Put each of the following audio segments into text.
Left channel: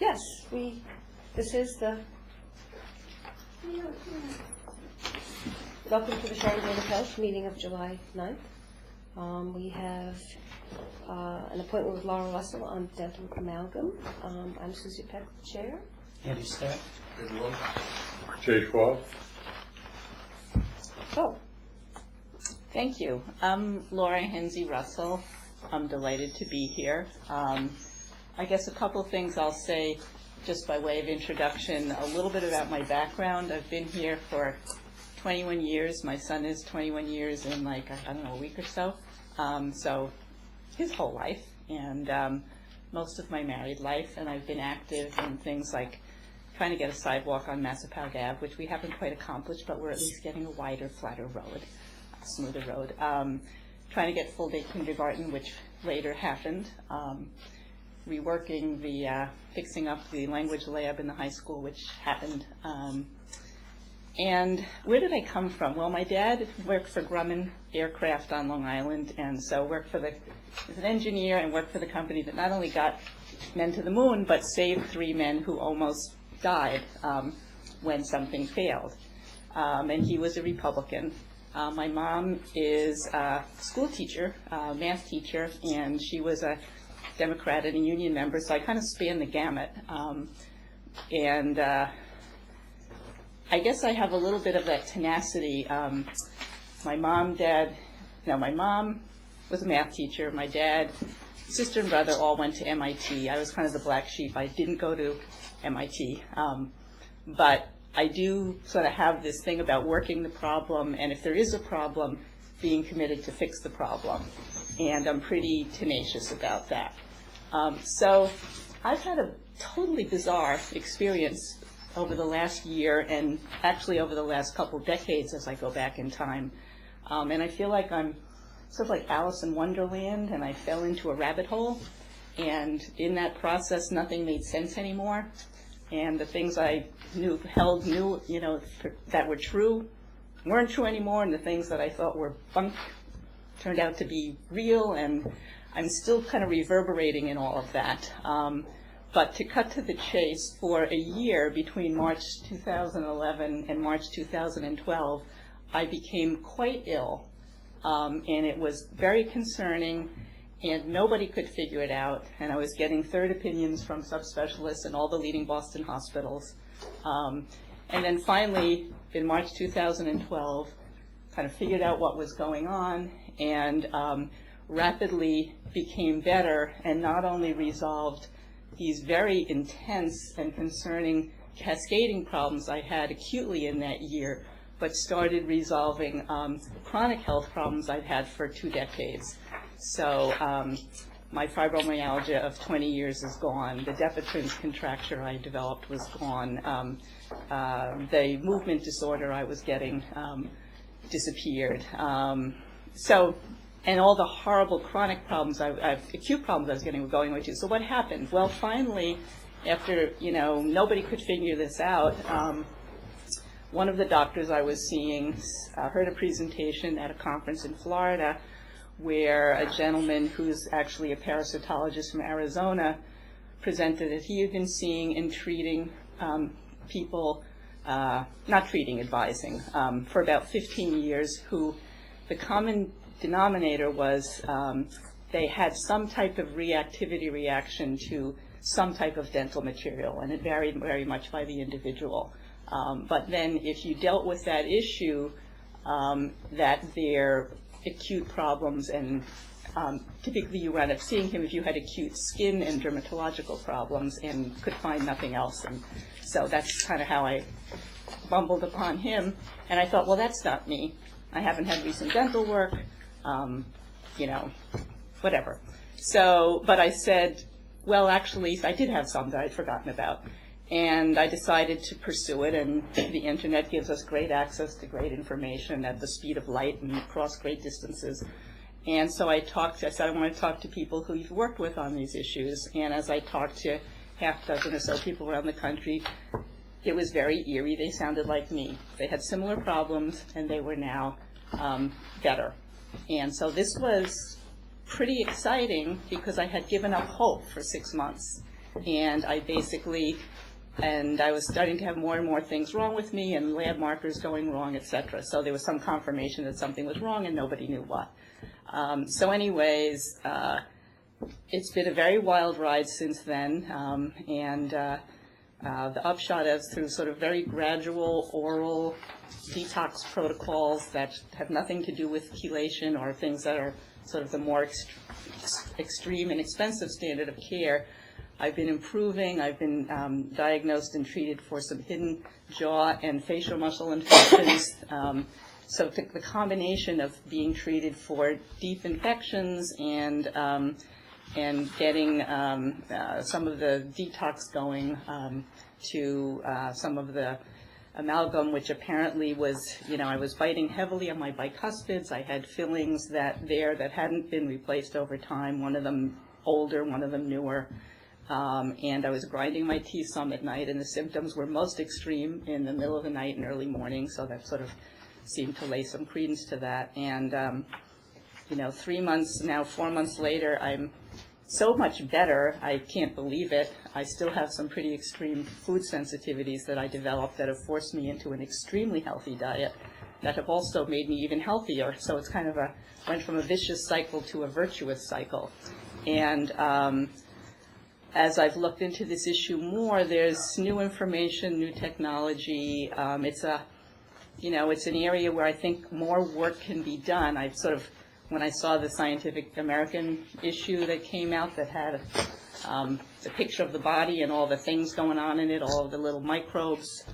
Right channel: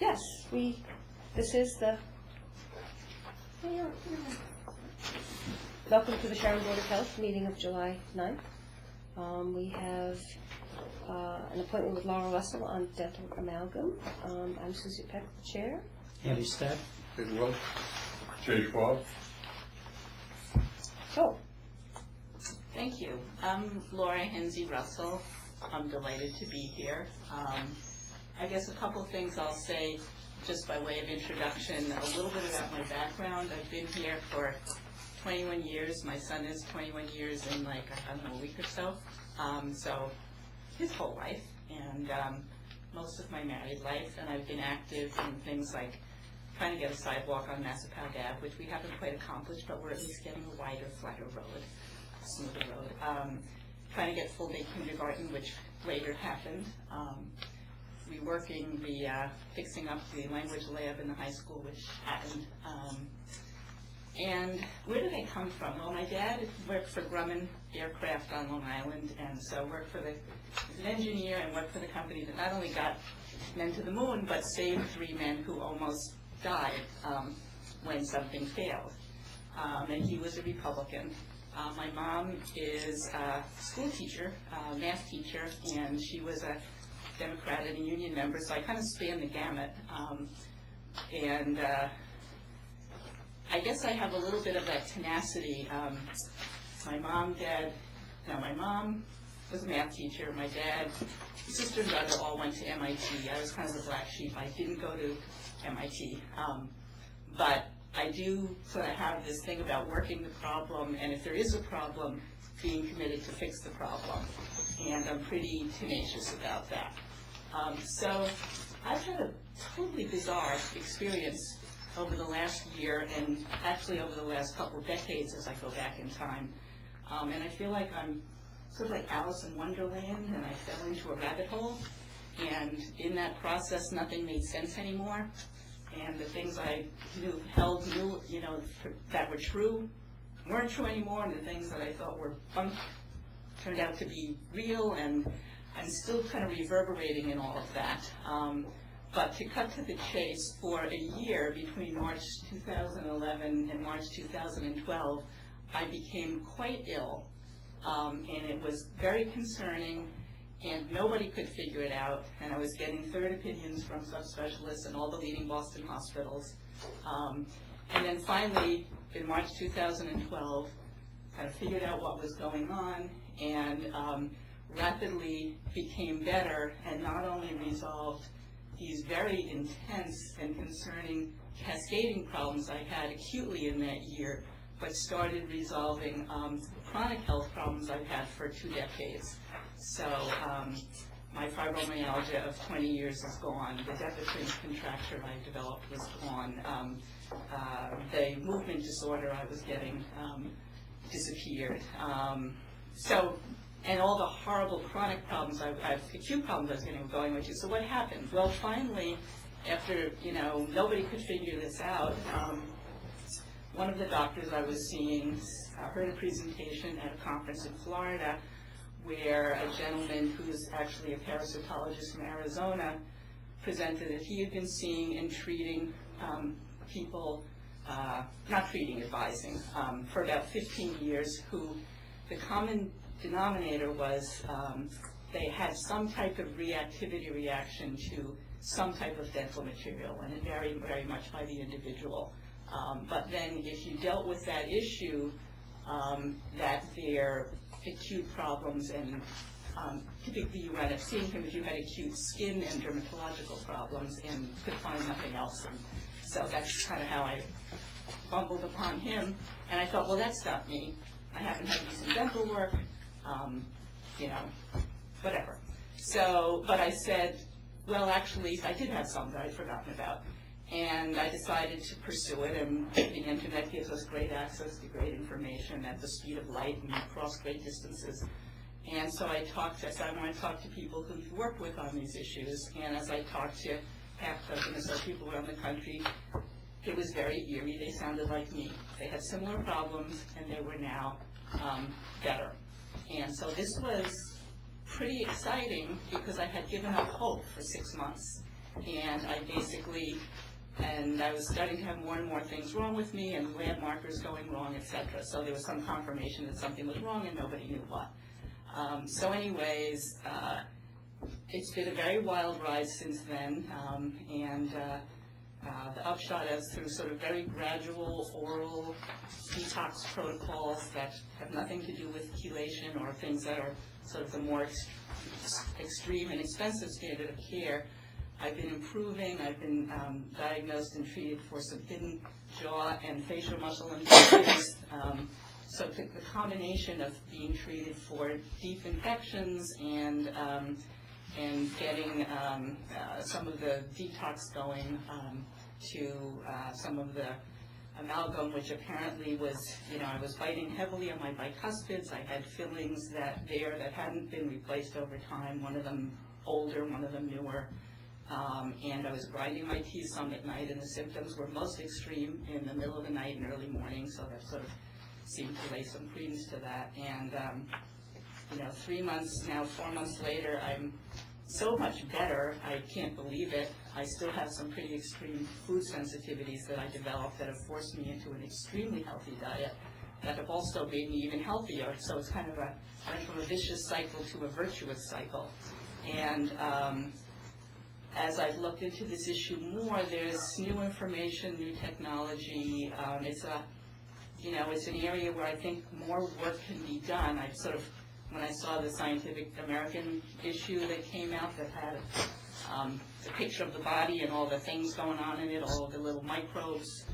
Yes, this is the, welcome to the Sharon Board of Health meeting of July 9th. We have an appointment with Laura Russell on dental amalgam. I'm Susie Peck, chair. Andy Stack. Visual. Jay Schwab. Oh, Thank you. I'm Laura Henze Russell. I'm delighted to be here. I guess a couple of things I'll say just by way of introduction, a little bit about my background. I've been here for 21 years. My son is 21 years in a week or so. So his whole life and most of my married life. And I've been active in things like trying to get a sidewalk on Massapequa Ave, which we haven't quite accomplished, but we're at least getting a wider, flatter road, a smoother road. Trying to get full-day kindergarten, which later happened. Reworking fixing up the language lab in the high school, which happened. And where did I come from? Well, my dad worked for Grumman Aircraft on Long Island, and so was an engineer and worked for the company that not only got men to the moon, but saved 3 men who almost died when something failed. And he was a Republican. My mom is a school teacher, math teacher, and she was a Democrat and a union member, so I kind of spanned the gamut. And I guess I have a little bit of that tenacity. My mom was a math teacher. My dad, sister and brother all went to MIT. I was kind of the black sheep. I didn't go to MIT. But I do sort of have this thing about working the problem, and if there is a problem, being committed to fix the problem. And I'm pretty tenacious about that. So I've had a totally bizarre experience over the last year, and actually over the last couple decades as I go back in time. And I feel like I'm sort of like Alice in Wonderland, and I fell into a rabbit hole. And in that process, nothing made sense anymore. And the things I held that were true weren't true anymore, and the things that I thought were bunk turned out to be real, and I'm still kind of reverberating in all of that. But to cut to the chase, for a year between March 2011 and March 2012, I became quite ill, and it was very concerning, and nobody could figure it out, and I was getting third opinions from subspecialists in all the leading Boston hospitals. And then finally, in March 2012, kind of figured out what was going on, and rapidly became better, and not only resolved these very intense and concerning cascading problems I had acutely in that year, but started resolving chronic health problems I'd had for 2 decades. So my fibromyalgia of 20 years is gone. The Depatrin's contracture I developed was gone. The movement disorder I was getting disappeared. And all the horrible chronic problems, acute problems I was getting were going away too. So what happened? Well, finally, after nobody could figure this out, one of the doctors I was seeing heard a presentation at a conference in Florida where a gentleman who's actually a parasitologist from Arizona presented that he had been seeing and treating people, not treating, advising, for about 15 years, who the common denominator was they had some type of reactivity reaction to some type of dental material, and it varied very much by the individual. But then if you dealt with that issue, that their acute problems, and typically you wound up seeing him if you had acute skin and dermatological problems and could find nothing else. And so that's kind of how I bumbled upon him. And I thought, well, that's not me. I haven't had recent dental work, whatever. So, but I said, well, actually, I did have some that I'd forgotten about. And I decided to pursue it, and the internet gives us great access to great information at the speed of light and across great distances. And so I said I want to talk to people who you've worked with on these issues. And as I talked to half a dozen or so people around the country, it was very eerie. They sounded like me. They had similar problems, and they were now better. And so this was pretty exciting because I had given up hope for 6 months. and I was starting to have more and more things wrong with me, and lab markers going wrong, etc. So there was some confirmation that something was wrong, and nobody knew what. So anyways, it's been a very wild ride since then, and the upshot is through sort of very gradual oral detox protocols that have nothing to do with chelation or things that are sort of the more extreme and expensive standard of care. I've been improving. I've been diagnosed and treated for some hidden jaw and facial muscle infections. So the combination of being treated for deep infections and getting some of the detox going to some of the amalgam, which apparently was, I was biting heavily on my bicuspids. I had fillings that hadn't been replaced over time, one of them older, one of them newer. And I was grinding my teeth some at night, and the symptoms were most extreme in the middle of the night and early morning, so that sort of seemed to lay some credence to that. And, 3 months, now 4 months later, I'm so much better, I can't believe it. I still have some pretty extreme food sensitivities that I developed that have forced me into an extremely healthy diet that have also made me even healthier. So it's kind of went from a vicious cycle to a virtuous cycle. And as I've looked into this issue more, there's new information, new technology. It's an area where I think more work can be done. When I saw the Scientific American issue that came out that had the picture of the body and all the things going on in it, all the little microbes,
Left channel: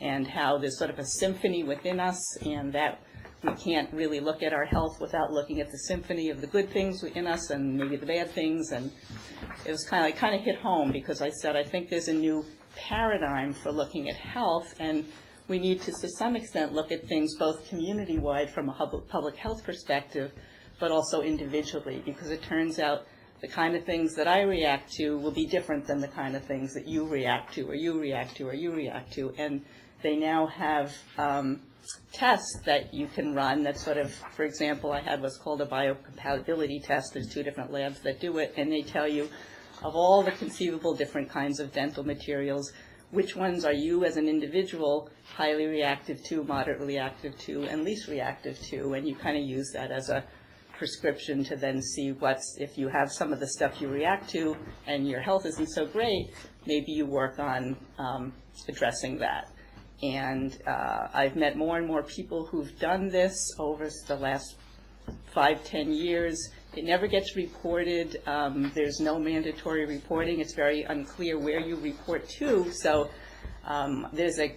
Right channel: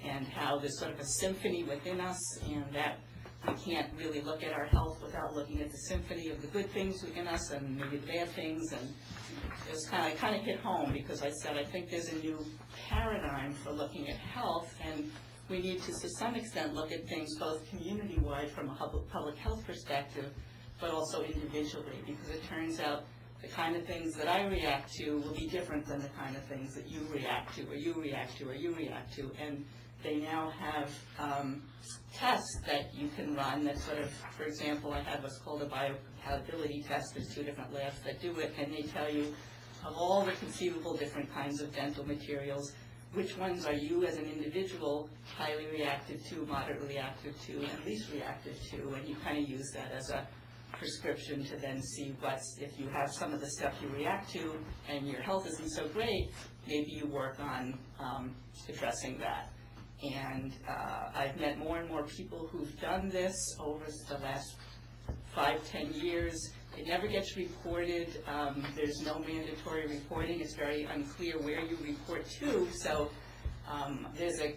and how there's sort of a symphony within us, and that we can't really look at our health without looking at the symphony of the good things within us and maybe the bad things. And it was kind of hit home, because I said, I think there's a new paradigm for looking at health, and we need to some extent look at things both community-wide from a public health perspective, but also individually, because it turns out the kind of things that I react to will be different than the kind of things that you react to, or you react to, or you react to. And they now have tests that you can run that sort of, for example, I had what's called a biocompatibility test. There's 2 different labs that do it, and they tell you of all the conceivable different kinds of dental materials, which ones are you as an individual highly reactive to, moderately reactive to, and least reactive to, and you kind of use that as a prescription to then see if you have some of the stuff you react to and your health isn't so great, maybe you work on addressing that. And I've met more and more people who've done this over the last 5-10 years. It never gets reported. There's no mandatory reporting. It's very unclear where you report to. So there's a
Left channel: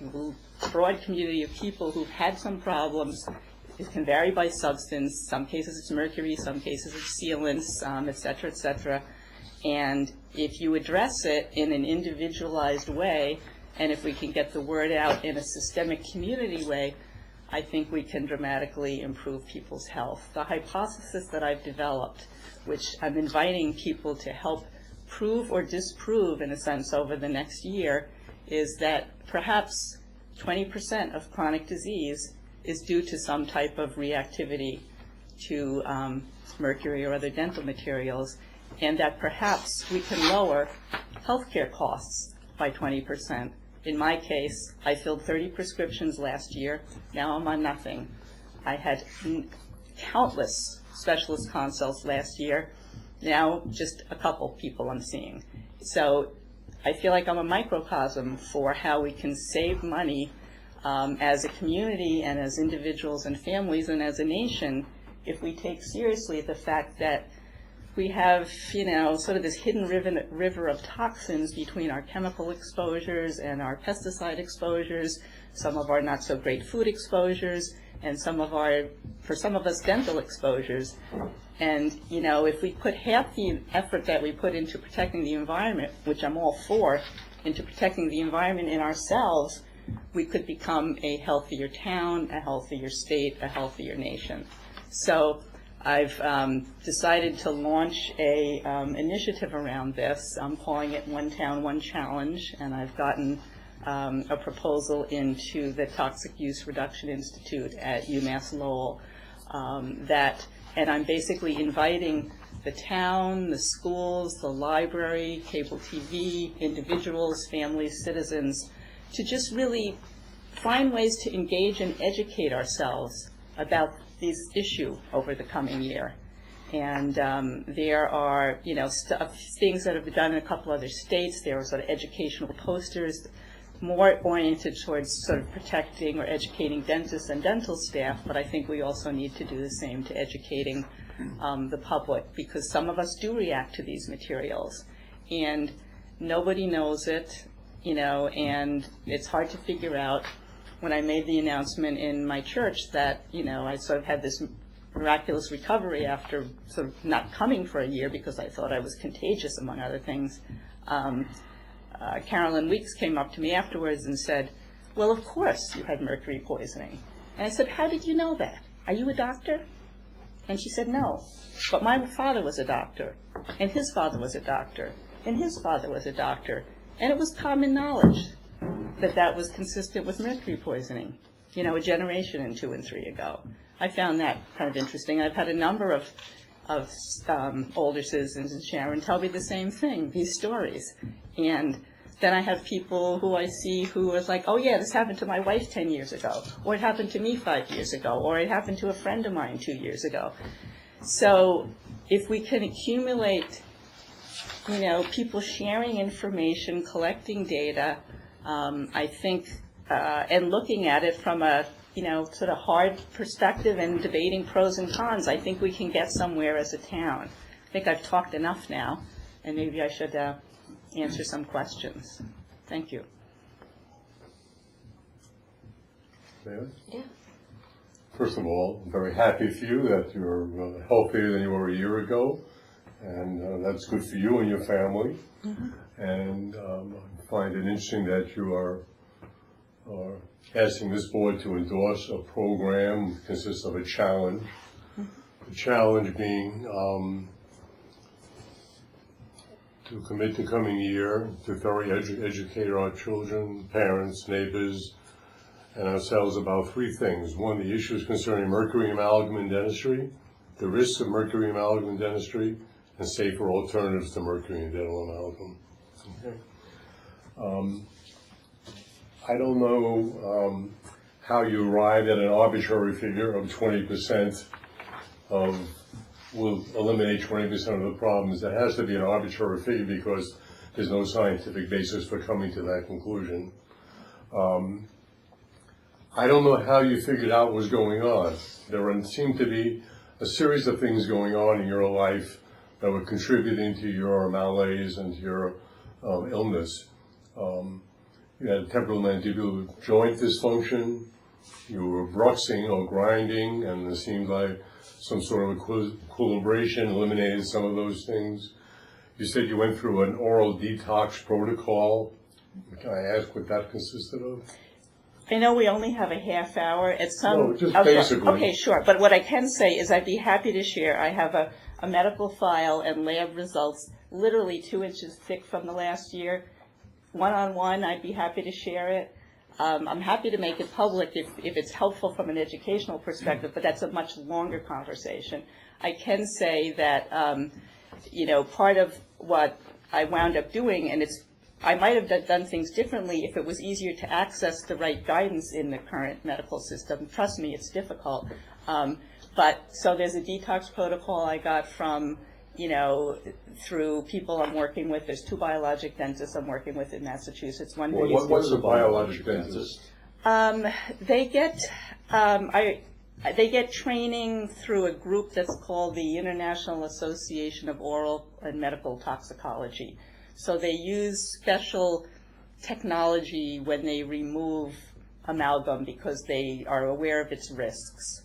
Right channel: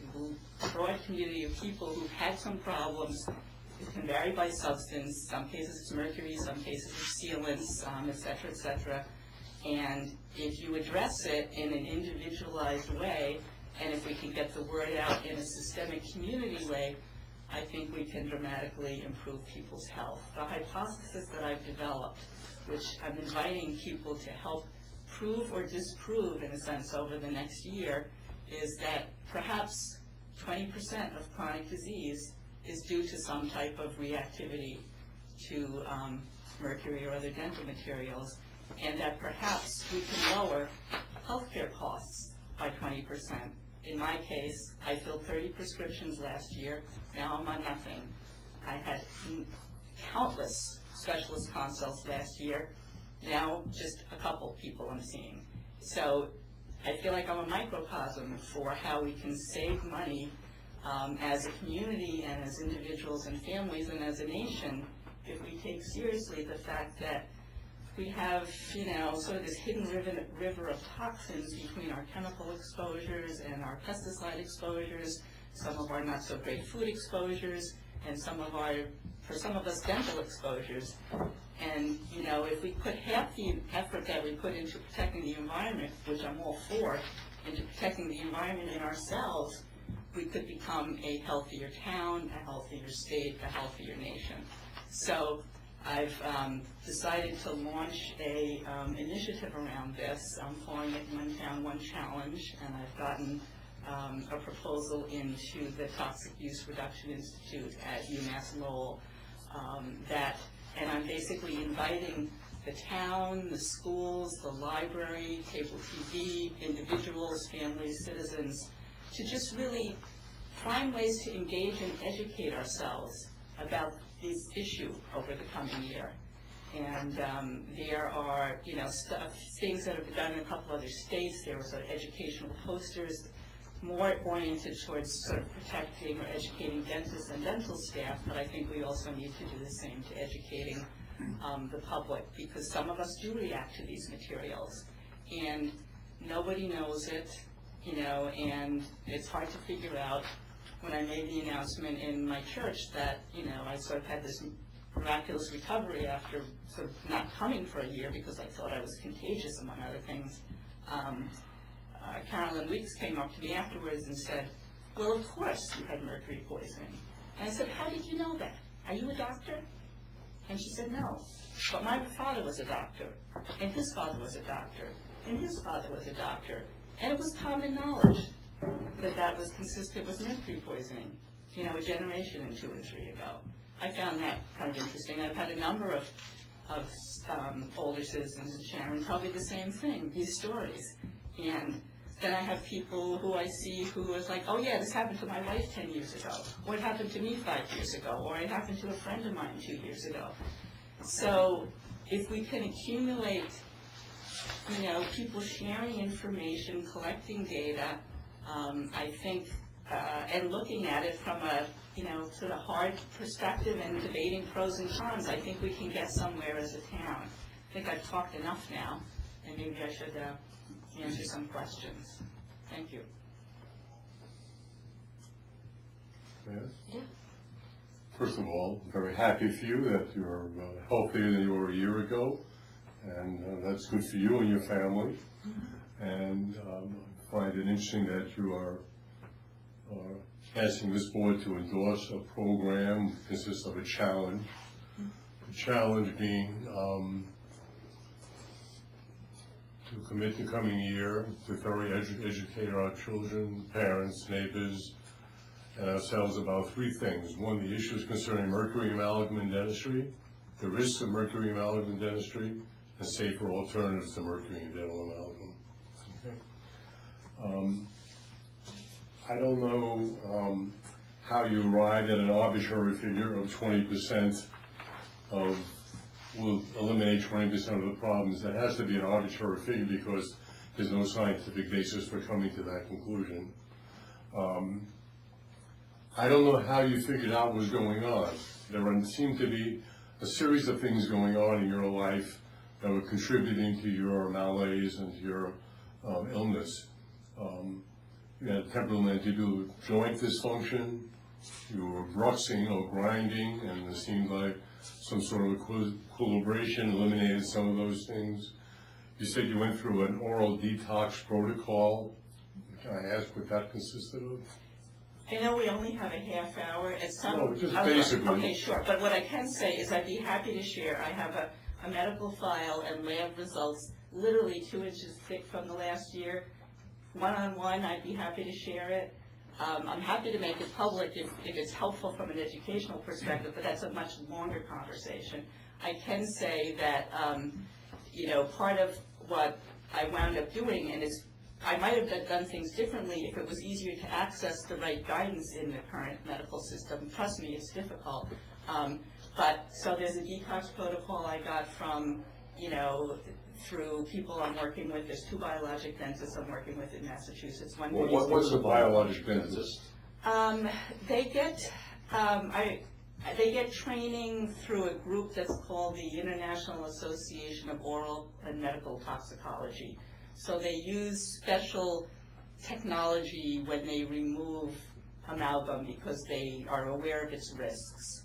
broad community of people who've had some problems. It can vary by substance. Some cases it's mercury, some cases it's sealants, et cetera, et cetera. And if you address it in an individualized way, and if we can get the word out in a systemic community way, I think we can dramatically improve people's health. The hypothesis that I've developed, which I'm inviting people to help prove or disprove, in a sense, over the next year, is that perhaps 20% of chronic disease is due to some type of reactivity to mercury or other dental materials, and that perhaps we can lower healthcare costs by 20%. In my case, I filled 30 prescriptions last year. Now I'm on nothing. I had countless specialist consults last year. Now just a couple people I'm seeing. So I feel like I'm a microcosm for how we can save money as a community and as individuals and families and as a nation if we take seriously the fact that we have, sort of this hidden river of toxins between our chemical exposures and our pesticide exposures, some of our not so great food exposures, and for some of us, dental exposures. And, if we put half the effort that we put into protecting the environment, which I'm all for, into protecting the environment in ourselves, we could become a healthier town, a healthier state, a healthier nation. So I've decided to launch a initiative around this. I'm calling it One Town, One Challenge, and I've gotten a proposal into the Toxic Use Reduction Institute at UMass Lowell and I'm basically inviting the town, the schools, the library, cable TV, individuals, families, citizens, to just really find ways to engage and educate ourselves about this issue over the coming year. And there are, things that have been done in a couple other states. There are sort of educational posters, more oriented towards sort of protecting or educating dentists and dental staff, but I think we also need to do the same to educating the public, because some of us do react to these materials, and nobody knows it, and it's hard to figure out. When I made the announcement in my church that, I sort of had this miraculous recovery after sort of not coming for a year because I thought I was contagious, among other things, Carolyn Weeks came up to me afterwards and said, well, of course you had mercury poisoning. And I said, how did you know that? Are you a doctor? And she said, no, but my father was a doctor, and his father was a doctor, and his father was a doctor, and it was common knowledge that that was consistent with mercury poisoning, a generation and 2 and 3 ago. I found that kind of interesting. I've had a number of older citizens and Sharon tell me the same thing, these stories. And then I have people who I see who is like, oh yeah, this happened to my wife 10 years ago, or it happened to me 5 years ago, or it happened to a friend of mine 2 years ago. So if we can accumulate, people sharing information, collecting data, I think, and looking at it from a, sort of hard perspective and debating pros and cons, I think we can get somewhere as a town. I think I've talked enough now, and maybe I should answer some questions. Thank you. Yeah. First of all, I'm very happy for you that you're healthier than you were a year ago, and that's good for you and your family. Mm-hmm. And I find it interesting that you are asking this board to endorse a program that consists of a challenge. Mm-hmm. The challenge being to commit the coming year to thoroughly educate our children, parents, neighbors, and ourselves about 3 things. 1, the issues concerning mercury amalgam in dentistry, the risks of mercury amalgam in dentistry, and safer alternatives to mercury and dental amalgam. Okay. I don't know how you arrived at an arbitrary figure of 20% will eliminate 20% of the problems. There has to be an arbitrary figure because there's no scientific basis for coming to that conclusion. I don't know how you figured out what was going on. There seemed to be a series of things going on in your life that were contributing to your malaise and to your illness. You had temporal mandibular joint dysfunction, you were bruxing or grinding, and it seemed like some sort of equilibration eliminated some of those things. You said you went through an oral detox protocol. Can I ask what that consisted of? I know we only have a half hour. No, just basically. Okay, sure. But what I can say is I'd be happy to share. I have a medical file and lab results literally 2 inches thick from the last year. One-on-one, I'd be happy to share it. I'm happy to make it public if it's helpful from an educational perspective, but that's a much longer conversation. I can say that, part of what I wound up doing, and I might have done things differently if it was easier to access the right guidance in the current medical system. Trust me, it's difficult. So there's a detox protocol I got from, through people I'm working with. There's 2 biologic dentists I'm working with in Massachusetts. What's a biologic dentist? They get training through a group that's called the International Association of Oral and Medical Toxicology. So they use special technology when they remove amalgam because they are aware of its risks.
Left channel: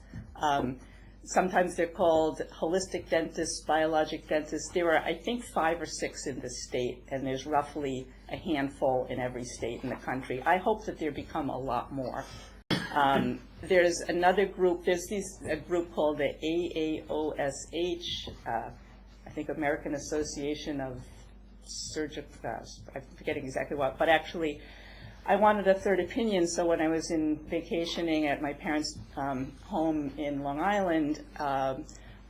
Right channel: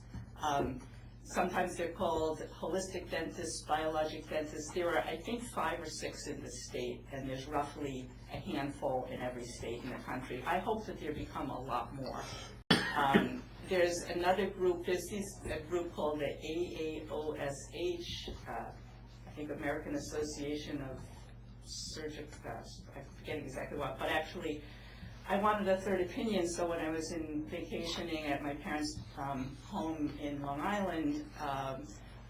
Sometimes they're called holistic dentists, biologic dentists. There are, I think, 5 or 6 in the state, and there's roughly a handful in every state in the country. I hope that there become a lot more. There's another group. There's a group called the AAOSH, I think American Association of Surgical, I'm forgetting exactly what, but actually I wanted a third opinion, so when I was vacationing at my parents' home in Long Island,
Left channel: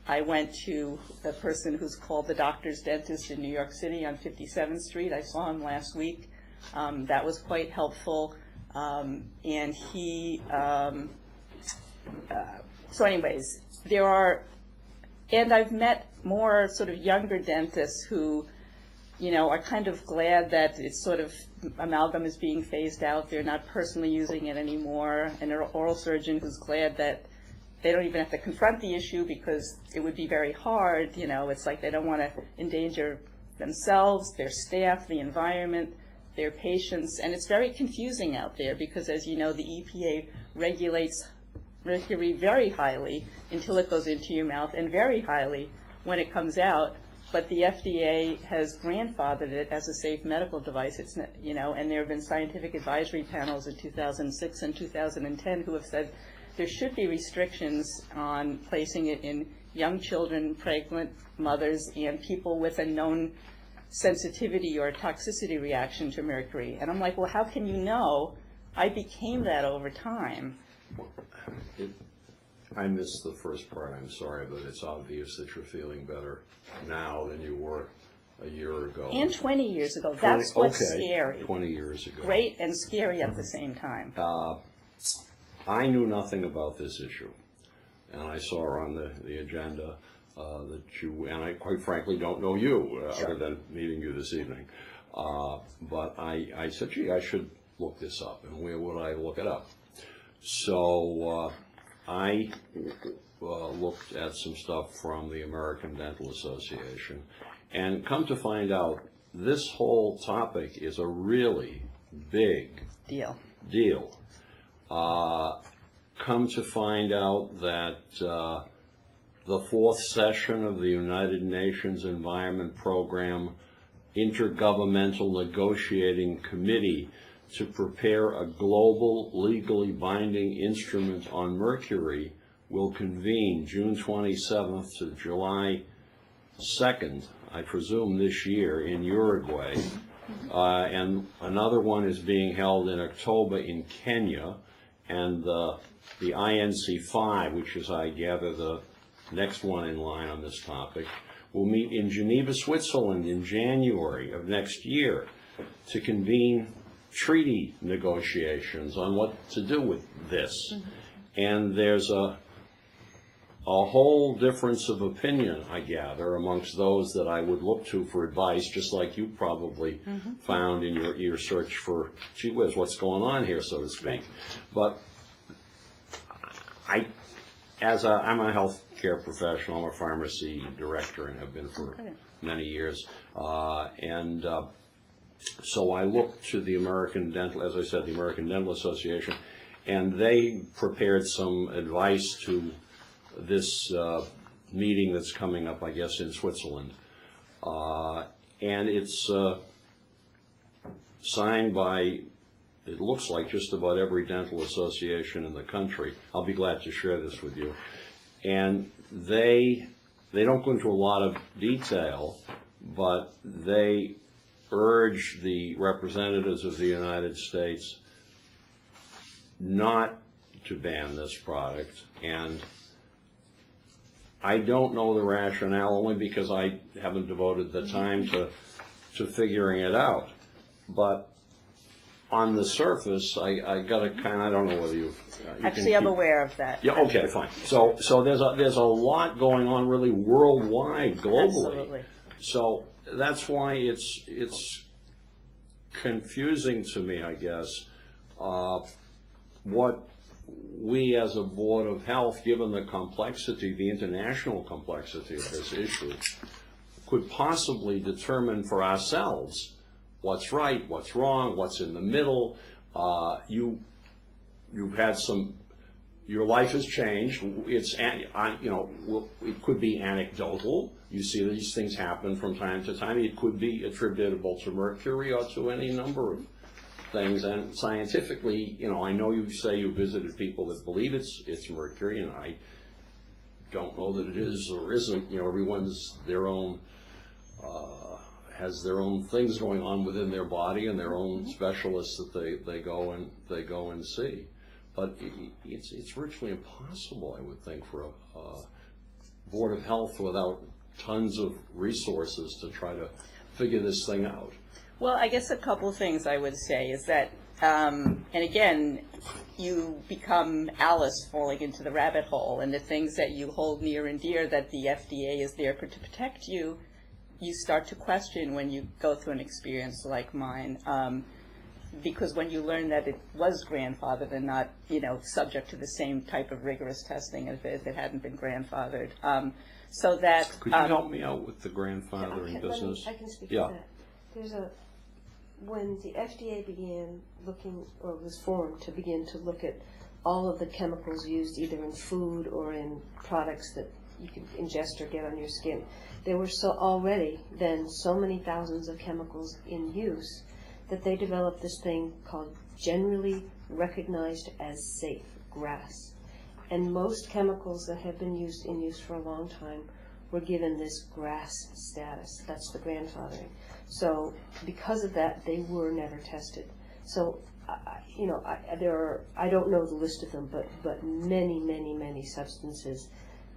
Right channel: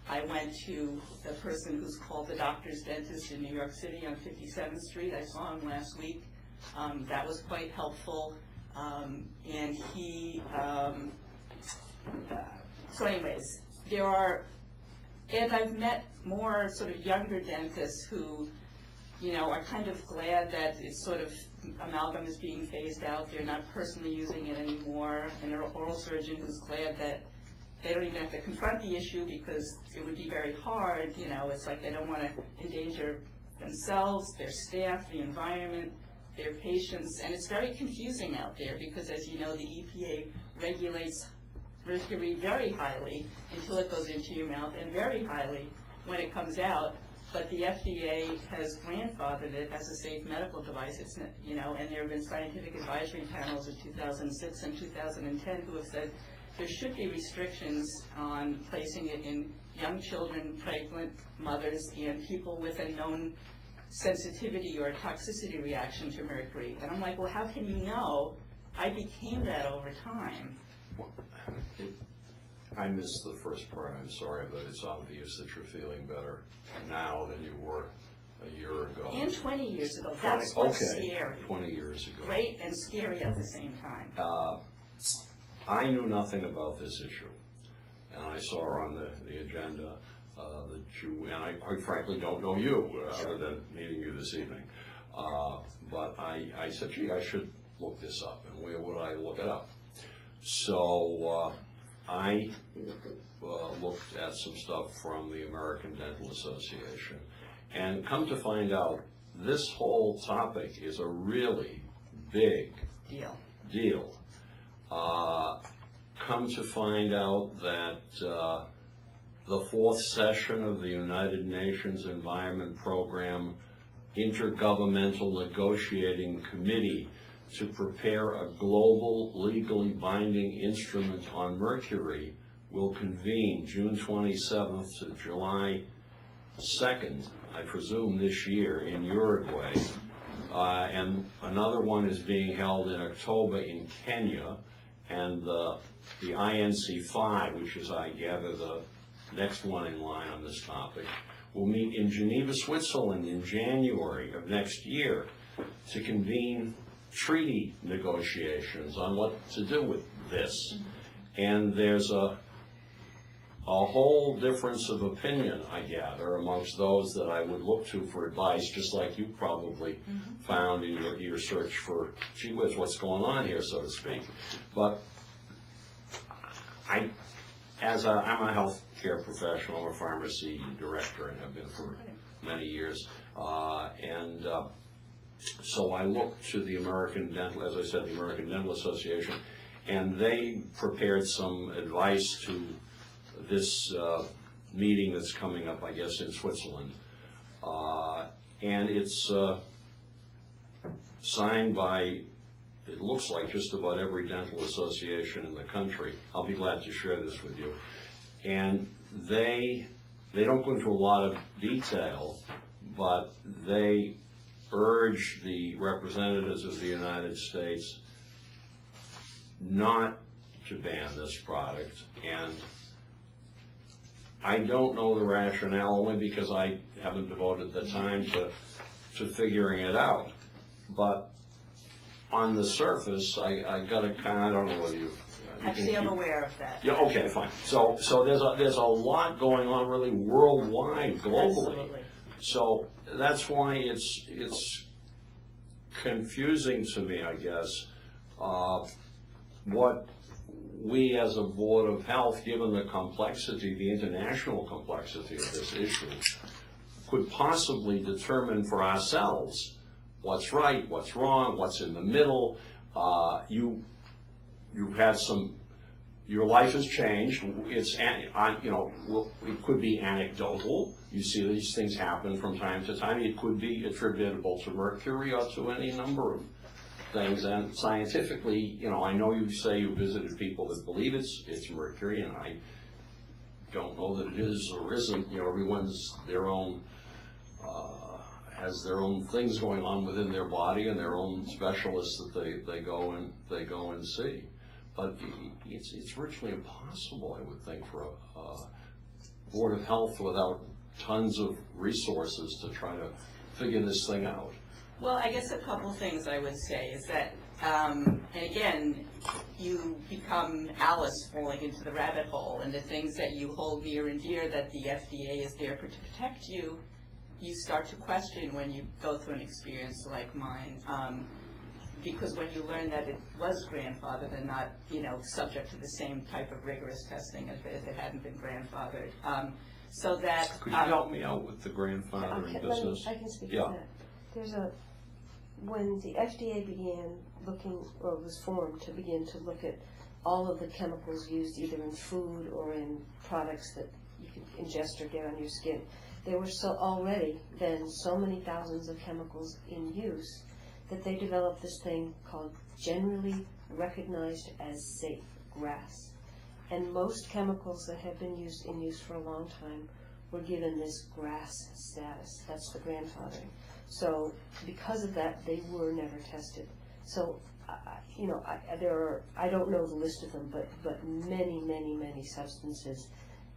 I went to the person who's called the doctor's dentist in New York City on 57th Street. I saw him last week. That was quite helpful. And he, so anyways, there are, and I've met more sort of younger dentists who, you know, are kind of glad that it's sort of, amalgam is being phased out. They're not personally using it anymore. And an oral surgeon who's glad that they don't even have to confront the issue because it would be very hard. You know, it's like they don't want to endanger themselves, their staff, the environment, their patients. And it's very confusing out there because, as you know, the EPA regulates mercury very highly until it goes into your mouth and very highly when it comes out. But the FDA has grandfathered it as a safe medical device. It's not, you know, and there have been scientific advisory panels in 2006 and 2010 who have said there should be restrictions on placing it in young children, pregnant mothers, and people with a known sensitivity or toxicity reaction to mercury. And I'm like, well, how can you know? I became that over time. I missed the first part, I'm sorry, but it's obvious that you're feeling better now than you were a year ago. And 20 years ago. That's what's scary. 20 years ago. Great and scary at the same time. I knew nothing about this issue, and I saw on the agenda that you, and I quite frankly don't know you, other than meeting you this evening. But I said, gee, I should look this up, and where would I look it up? So I looked at some stuff from the American Dental Association, and come to find out, this whole topic is a really big Deal. Come to find out that the fourth session of the United Nations Environment Program Intergovernmental Negotiating Committee to prepare a global legally binding instrument on mercury will convene June 27th to July 2nd, I presume this year, in Uruguay. And another one is being held in October in Kenya. And the INC5, which is, I gather, the next one in line on this topic, will meet in Geneva, Switzerland in January of next year to convene treaty negotiations on what to do with this. And there's a whole difference of opinion, I gather, amongst those that I would look to for advice, just like you probably found in your search for, gee whiz, what's going on here, so to speak. But I'm a healthcare professional, I'm a pharmacy director and have been for many years. So I looked to the American Dental, as I said, the American Dental Association, and they prepared some advice to this meeting that's coming up, I guess, in Switzerland. And it's signed by, it looks like, just about every dental association in the country. I'll be glad to share this with you. And they don't go into a lot of detail, but they urge the representatives of the United States not to ban this product. And I don't know the rationale, only because I haven't devoted the time to figuring it out. But on the surface, I got to kind of, I don't know whether you Actually, I'm aware of that. Yeah, okay, fine. So there's a lot going on really worldwide, globally. Absolutely. So that's why it's confusing to me, I guess, what we as a Board of Health, given the complexity, the international complexity of this issue, could possibly determine for ourselves what's right, what's wrong, what's in the middle. You've had your life has changed. It's, it could be anecdotal. You see these things happen from time to time. It could be attributable to mercury or to any number of things. And scientifically, I know you say you visited people that believe it's mercury, and I don't know that it is or isn't. Everyone's their own, has their own things going on within their body and their own specialists that they go and see. But it's virtually impossible, I would think, Board of Health without tons of resources to try to figure this thing out? Well, I guess a couple of things I would say is that, and again, you become Alice falling into the rabbit hole, and the things that you hold near and dear that the FDA is there to protect you, you start to question when you go through an experience like mine. Because when you learn that it was grandfathered and not, subject to the same type of rigorous testing as if it hadn't been grandfathered. So that... Could you help me out with the grandfathering business? I can speak Yeah. to that. When the FDA began looking, or was formed to begin to look at all of the chemicals used either in food or in products that you can ingest or get on your skin, there were already then so many thousands of chemicals in use that they developed this thing called generally recognized as safe, GRAS. And most chemicals that have been in use for a long time were given this GRAS status. That's the grandfathering. So because of that, they were never tested. So, I don't know the list of them, but many, many, many substances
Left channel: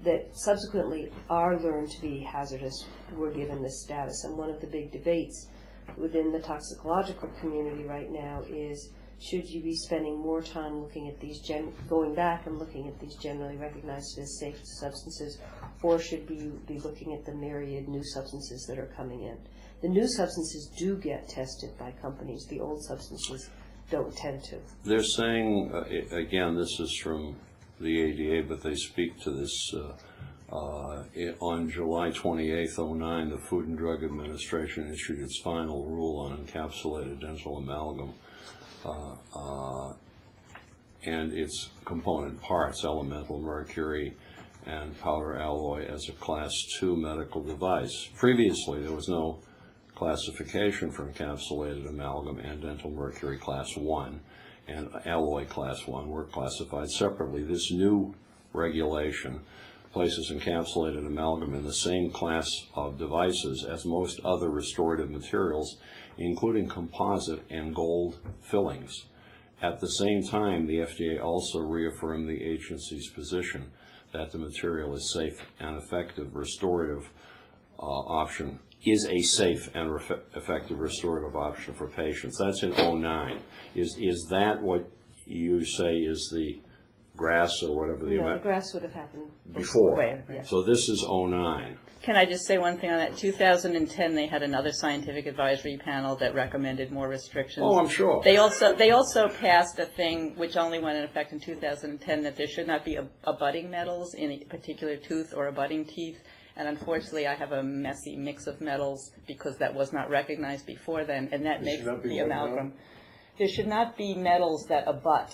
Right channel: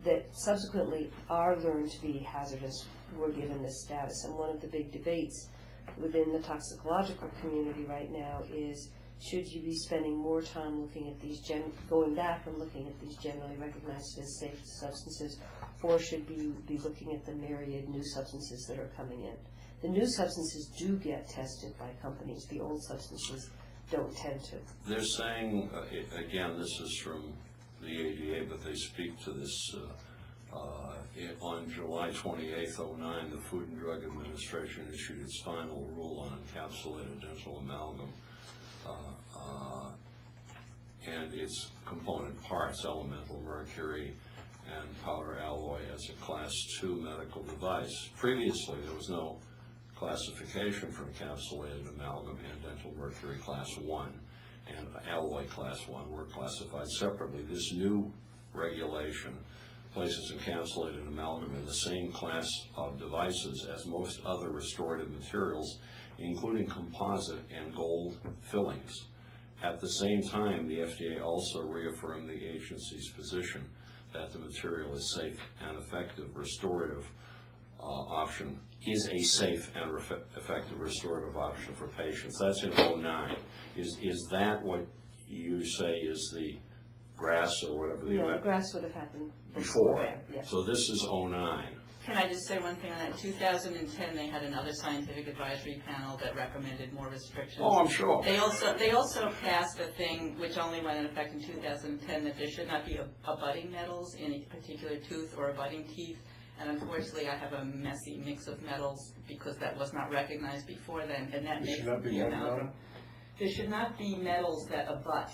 that subsequently are learned to be hazardous were given this status. And one of the big debates within the toxicological community right now is, should you be spending more time looking at these, going back and looking at these generally recognized as safe substances, or should we be looking at the myriad new substances that are coming in? The new substances do get tested by companies. The old substances don't tend to. They're saying, again, this is from the ADA, but they speak to this on July 28, 2009, the Food and Drug Administration issued its final rule on encapsulated dental amalgam and its component parts, elemental mercury and powder alloy, as a Class 2 medical device. Previously, there was no classification for encapsulated amalgam and dental mercury Class 1 and alloy Class 1 were classified separately. This new regulation places encapsulated amalgam in the same class of devices as most other restorative materials, including composite and gold fillings. At the same time, the FDA also reaffirmed the agency's position that the material is safe and effective restorative option, is a safe and effective restorative option for patients. That's in 2009. Is that what you say is the GRAS or whatever the No, the GRAS would have happened before? Right, yeah. So this is 2009. Can I just say one thing on that? 2010, they had another scientific advisory panel that recommended more restrictions. Oh, I'm sure. They also passed a thing which only went in effect in 2010, that there should not be abutting metals in a particular tooth or abutting teeth. And unfortunately, I have a messy mix of metals because that was not recognized before then, and that makes the amalgam. There should not be metals that abut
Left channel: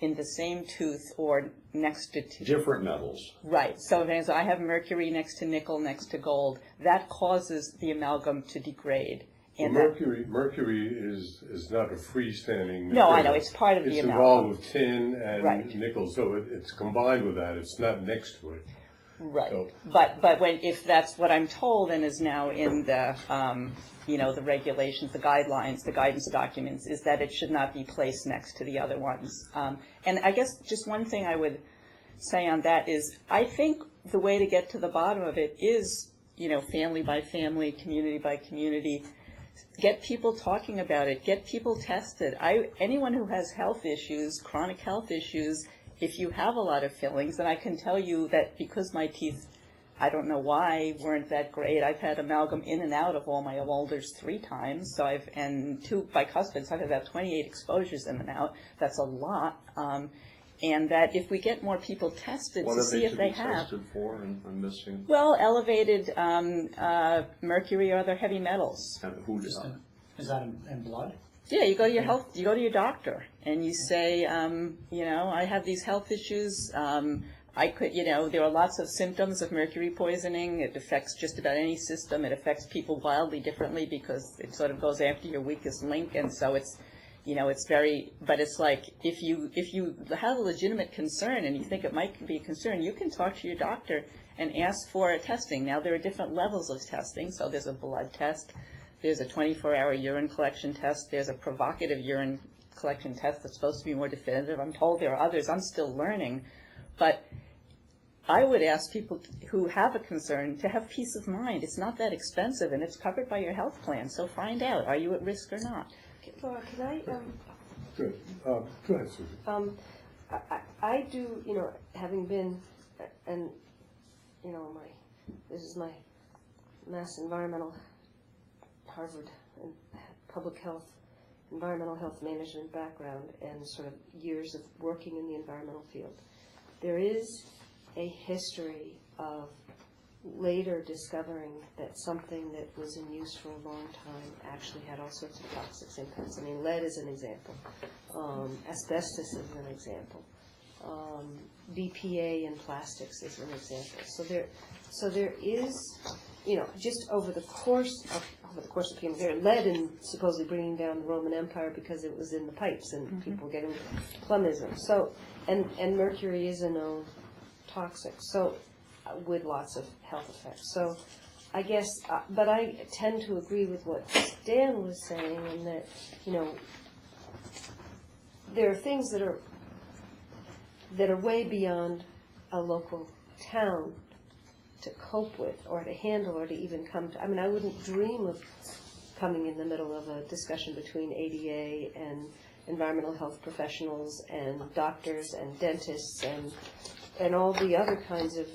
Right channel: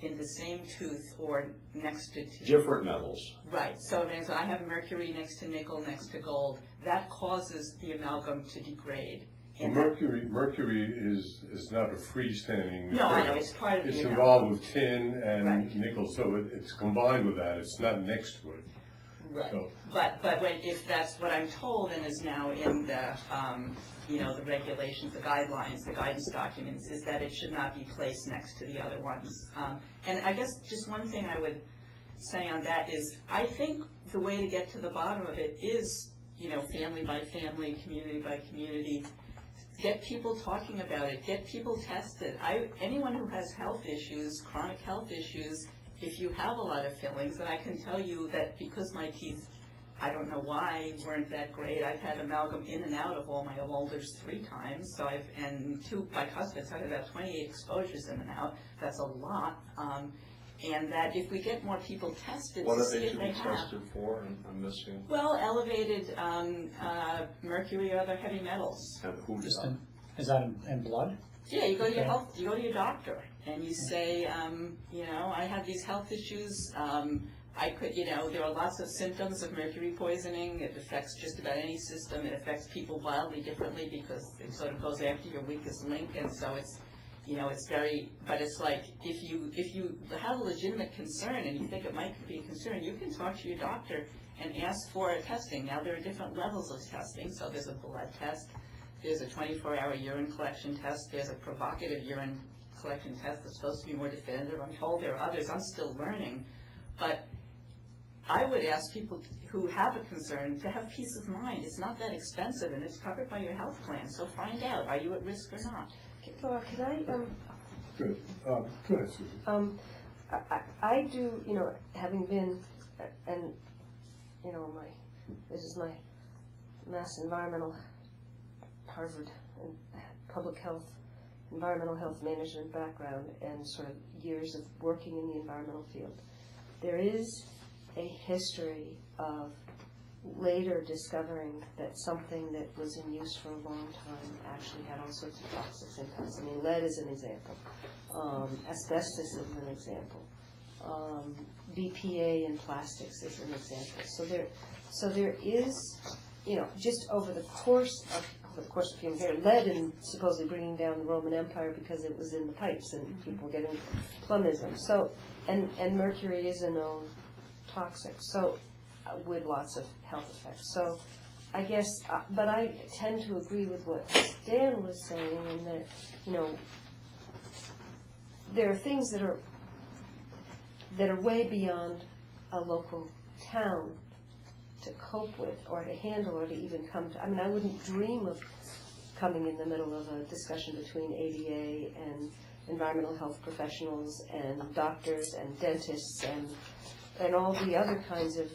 in the same tooth or next to teeth. Different metals. Right. So I have mercury next to nickel, next to gold. That causes the amalgam to degrade. And Mercury is not a freestanding material. No, I know, it's part of the It's amalgam. involved with tin and Right. nickel, so it's combined with that. It's not next to it. Right. So- But if that's what I'm told and is now in the the regulations, the guidelines, the guidance documents, is that it should not be placed next to the other ones. And I guess just one thing I would say on that is, I think the way to get to the bottom of it is, family by family, community by community. Get people talking about it. Get people tested. Anyone who has health issues, chronic health issues, if you have a lot of fillings, and I can tell you that because my teeth, I don't know why, weren't that great. I've had amalgam in and out of all my molders 3 times. So and 2 bicuspids. I've had about 28 exposures in and out. That's a lot. And that if we get more people tested to see if they have. Tested for? I'm missing. Well, elevated mercury or other heavy metals. And who does that? Is that in blood? Yeah, you go to your doctor and you say, I have these health issues. There are lots of symptoms of mercury poisoning. It affects just about any system. It affects people wildly differently because it sort of goes after your weakest link, and so it's but it's like if you have a legitimate concern and you think it might be a concern, you can talk to your doctor and ask for testing. Now there are different levels of testing. So there's a blood test. There's a 24-hour urine collection test. There's a provocative urine collection test that's supposed to be more definitive. I'm told there are others. I'm still learning. But I would ask people who have a concern to have peace of mind. It's not that expensive, and it's covered by your health plan. So find out, are you at risk or not? Laura, can I, Good. Go ahead, Susan. I do, having been, and, this is my mass environmental, Harvard, and public health, environmental health management background, and sort of years of working in the environmental field. There is a history of later discovering that something that was in use for a long time actually had all sorts of toxic impacts. I mean, lead is an example. Asbestos is an example. BPA in plastics is an example. So there is, just over the course of human history, lead in supposedly bringing down the Roman Empire because it was in the pipes and people getting plumbism. So, and mercury is a known toxic. So, with lots of health effects. So, I guess, but I tend to agree with what Dan was saying, in that, there are things that are way beyond a local town to cope with, or to handle, or to even come to. I mean, I wouldn't dream of coming in the middle of a discussion between ADA and environmental health professionals and doctors and dentists and all the other kinds of,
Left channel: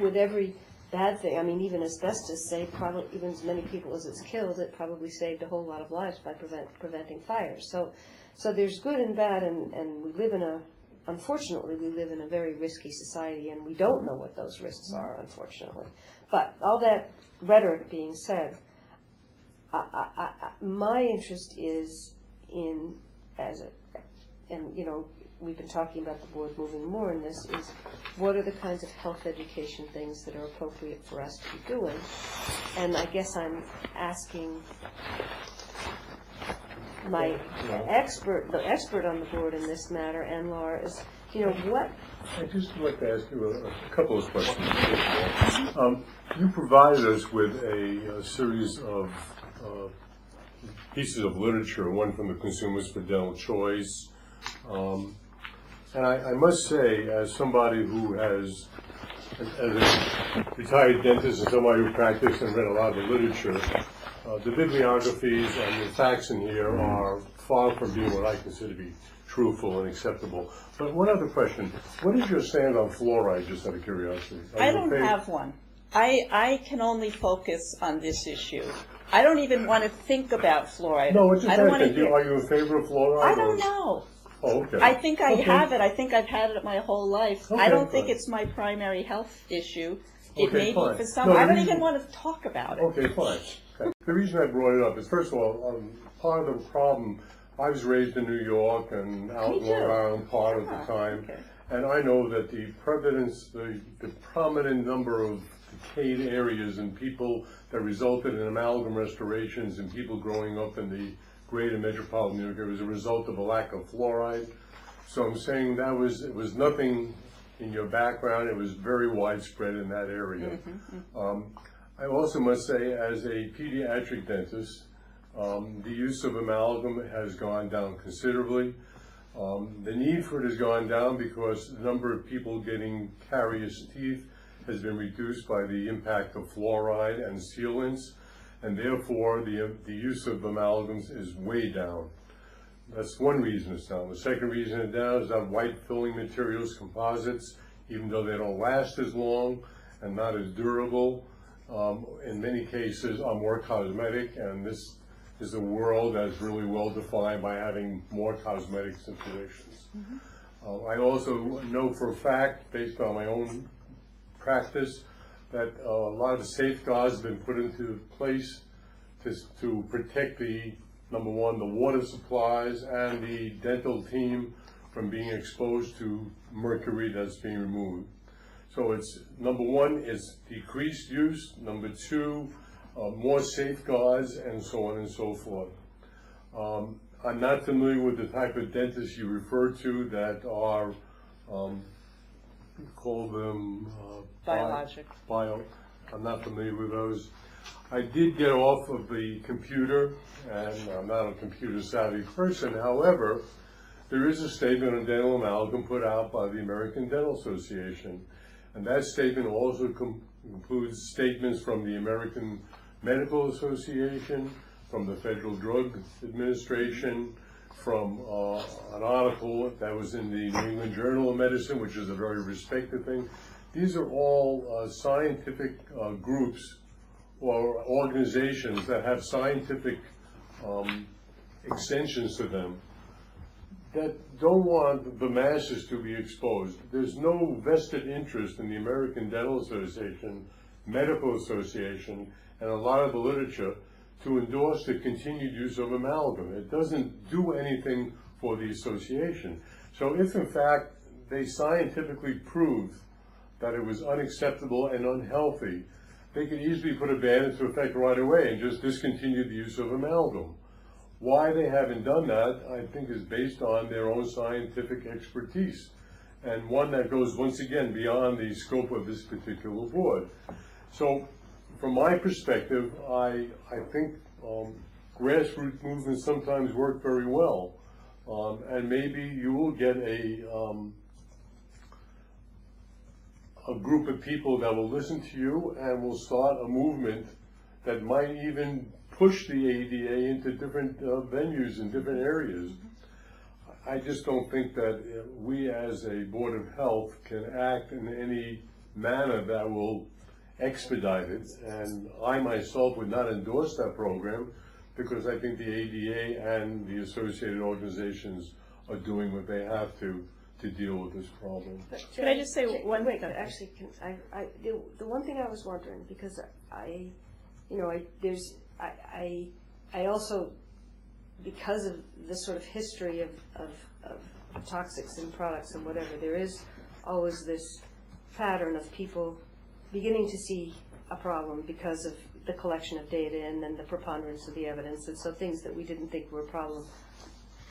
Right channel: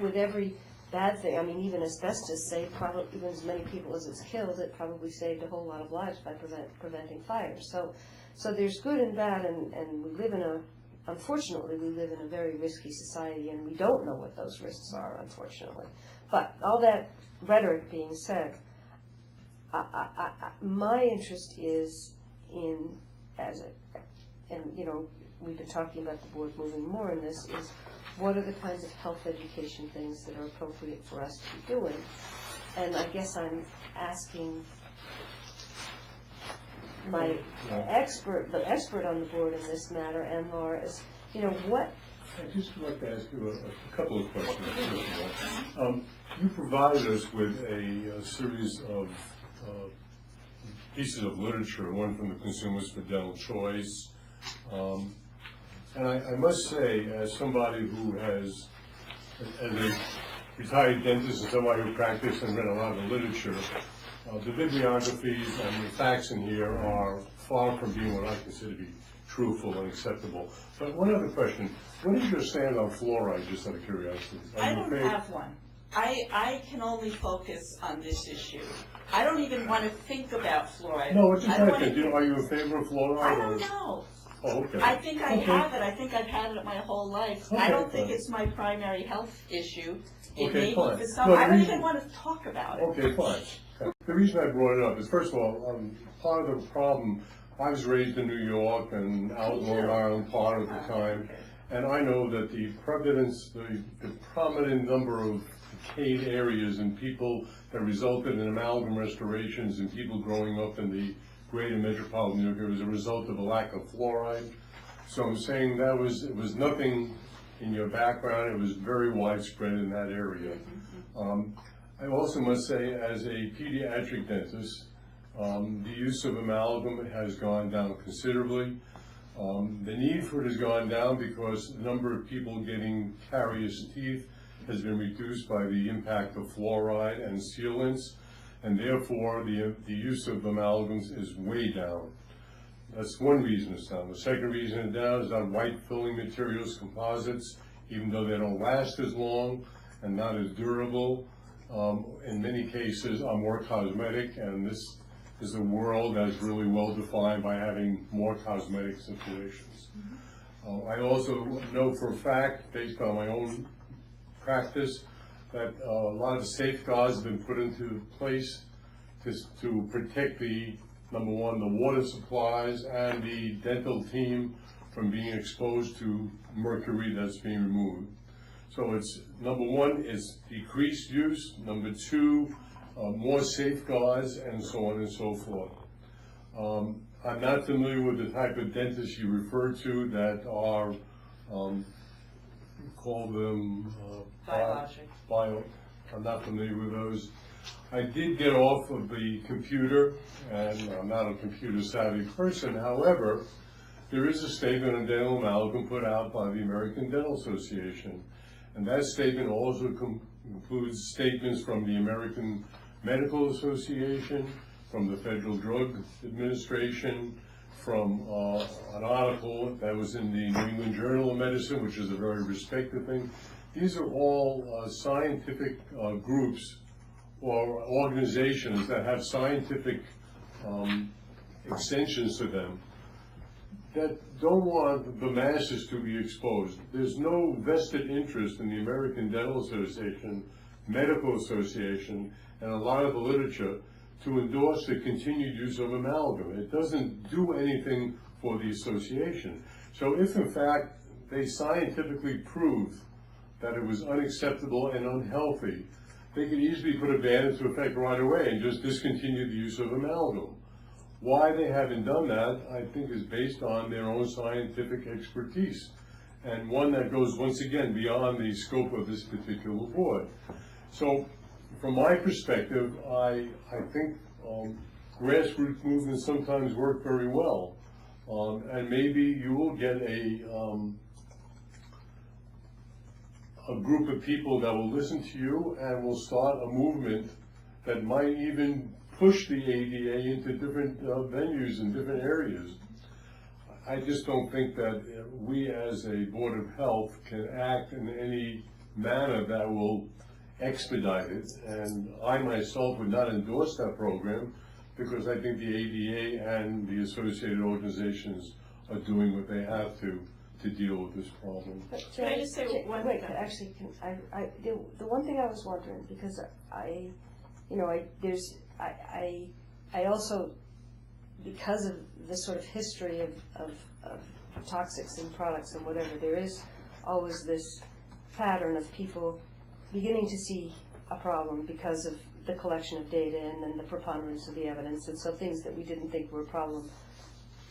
with every bad thing. I mean, even asbestos saved probably, even as many people as it's killed, it probably saved a whole lot of lives by preventing fires. So there's good and bad, and unfortunately, we live in a very risky society, and we don't know what those risks are, unfortunately. But all that rhetoric being said, my interest is in, we've been talking about the board moving more in this, is what are the kinds of health education things that are appropriate for us to be doing? And I guess I'm asking the expert on the board in this matter, and Laura, is, what? I'd just like to ask you a couple of questions. You provided us with a series of pieces of literature, one from the Consumers for Dental Choice. And I must say, as somebody who has, as a retired dentist and somebody who practiced and read a lot of the literature, the bibliographies and the facts in here are far from being what I consider to be truthful and acceptable. But one other question, what is your stand on fluoride, just out of curiosity? I don't have one. I can only focus on this issue. I don't even want to think about fluoride. No, it's just asking, are you in favor of fluoride? I don't know. Oh, okay. I think I have it. I think I've had it my whole life. Okay, I don't think fine. it's my primary health issue. It Okay, may be fine. for some. No, I don't reason- even want to talk about it. Okay, fine. Okay. The reason I brought it up is, first of all, part of the problem, I was raised in New York and out in Long Island part of the time, Okay. and I know that the prevalence, the prominent number of decayed areas and people that resulted in amalgam restorations and people growing up in the greater metropolitan New York was a result of a lack of fluoride. So I'm saying it was nothing in your background, it was very widespread in that area. I also must say, as a pediatric dentist, the use of amalgam has gone down considerably. The need for it has gone down because the number of people getting caries teeth has been reduced by the impact of fluoride and sealants, and therefore the use of amalgams is way down. That's one reason it's down. The second reason it's down is that white filling materials, composites, even though they don't last as long and not as durable, in many cases are more cosmetic, and this is a world that is really well defined by having more cosmetic situations. I also know for a fact, based on my own practice, that a lot of safeguards have been put into place to protect number one, the water supplies and the dental team from being exposed to mercury that's being removed. So it's, number one, is decreased use, number two, more safeguards, and so on and so forth. I'm not familiar with the type of dentists you refer to that are, call them Biologic. I'm not familiar with those. I did get off of the computer, and I'm not a computer savvy person. However, there is a statement on dental amalgam put out by the American Dental Association. And that statement also includes statements from the American Medical Association, from the Federal Drug Administration, from an article that was in the New England Journal of Medicine, which is a very respected thing. These are all scientific groups or organizations that have scientific extensions to them that don't want the masses to be exposed. There's no vested interest in the American Dental Association, Medical Association, and a lot of the literature to endorse the continued use of amalgam. It doesn't do anything for the association. So if in fact they scientifically prove that it was unacceptable and unhealthy, they could easily put a ban into effect right away and just discontinue the use of amalgam. Why they haven't done that, I think, is based on their own scientific expertise, and one that goes, once again, beyond the scope of this particular board. So, from my perspective, I think grassroots movements sometimes work very well, and maybe you will get a group of people that will listen to you and will start a movement that might even push the ADA into different venues in different areas. I just don't think that we as a Board of Health can act in any manner that will expedite it, and I myself would not endorse that program because I think the ADA and the associated organizations are doing what they have to deal with this problem. Can I just say one wait, thing? actually, the one thing I was wondering, because I also, because of this sort of history of toxics and products and whatever, there is always this pattern of people beginning to see a problem because of the collection of data and then the preponderance of the evidence, and so things that we didn't think were a problem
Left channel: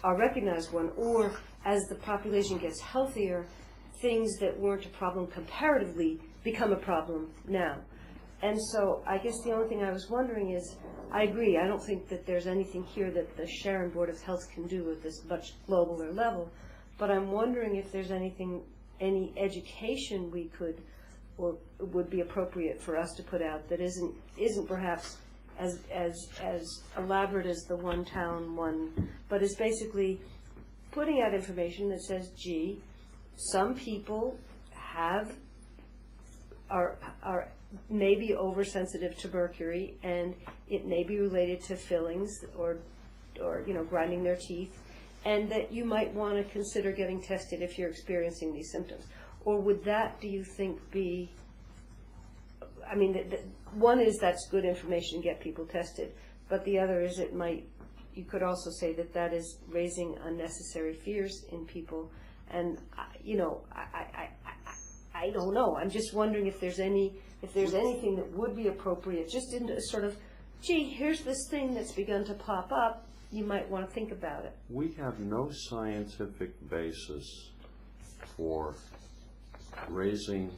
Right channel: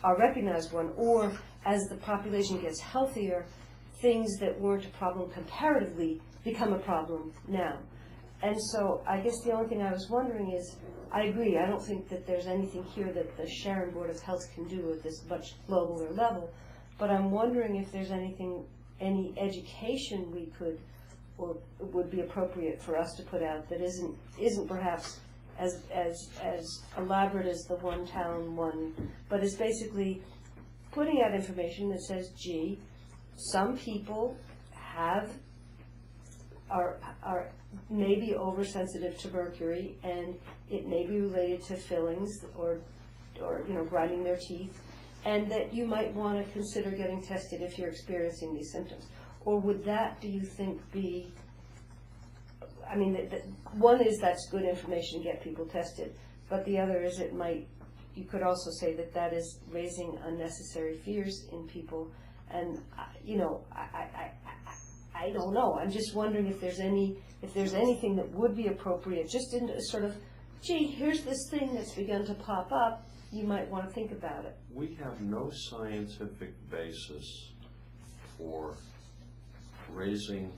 are recognized one, or as the population gets healthier, things that weren't a problem comparatively become a problem now. And so I guess the only thing I was wondering is, I agree, I don't think that there's anything here that the Sharon Board of Health can do at this much globaler level, but I'm wondering if there's anything, any education we could or would be appropriate for us to put out that isn't perhaps as elaborate as the one town one, but is basically putting out information that says, gee, some people are maybe oversensitive to mercury, and it may be related to fillings or grinding their teeth, and that you might want to consider getting tested if you're experiencing these symptoms. Or would that, do you think, be, I mean, one is that's good information to get people tested, but the other is you could also say that that is raising unnecessary fears in people, and I don't know. I'm just wondering if there's anything that would be appropriate, just in a sort of, gee, here's this thing that's begun to pop up, you might want to think about it. We have no scientific basis for raising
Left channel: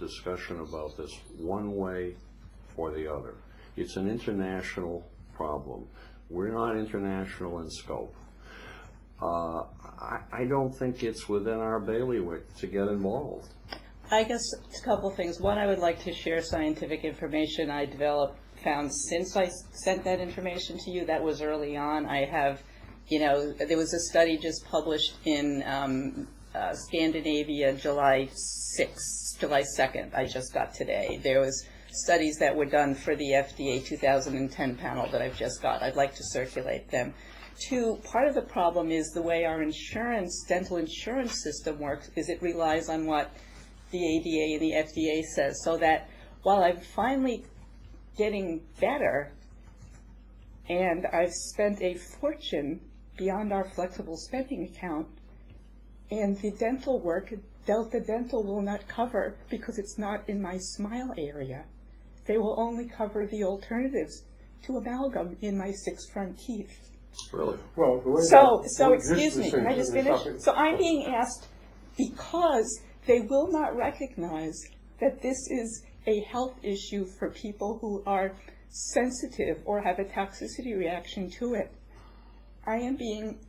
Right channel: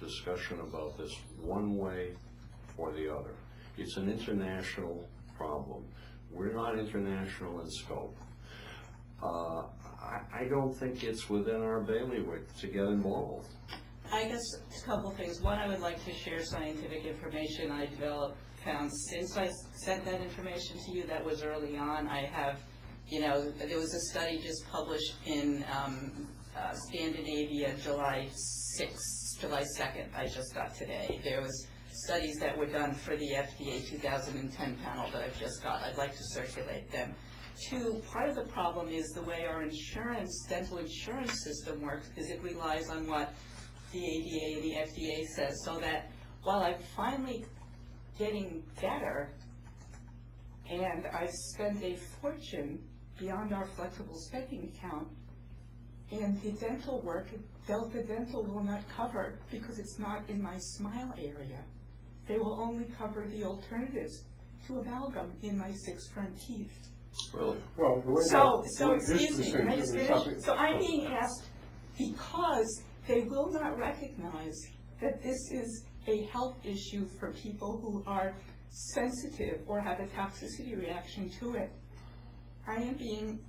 discussion about this one way or the other. It's an international problem. We're not international in scope. I don't think it's within our bailiwick to get involved. I guess a couple things. One, I would like to share scientific information I found since I sent that information to you. That was early on. I have, there was a study just published in Scandinavia, July 2nd, I just got today. There was studies that were done for the FDA 2010 panel that I've just got. I'd like to circulate them. Two, part of the problem is the way our dental insurance system works is it relies on what the ADA and the FDA says, so that while I'm finally getting better and I've spent a fortune beyond our flexible spending account, and the dental work, Delta Dental will not cover because it's not in my smile area. They will only cover the alternatives to amalgam in my 6 front teeth. Really? Well, So excuse me, can I just finish? So I'm being asked, because they will not recognize that this is a health issue for people who are sensitive or have a toxicity reaction to it. I am being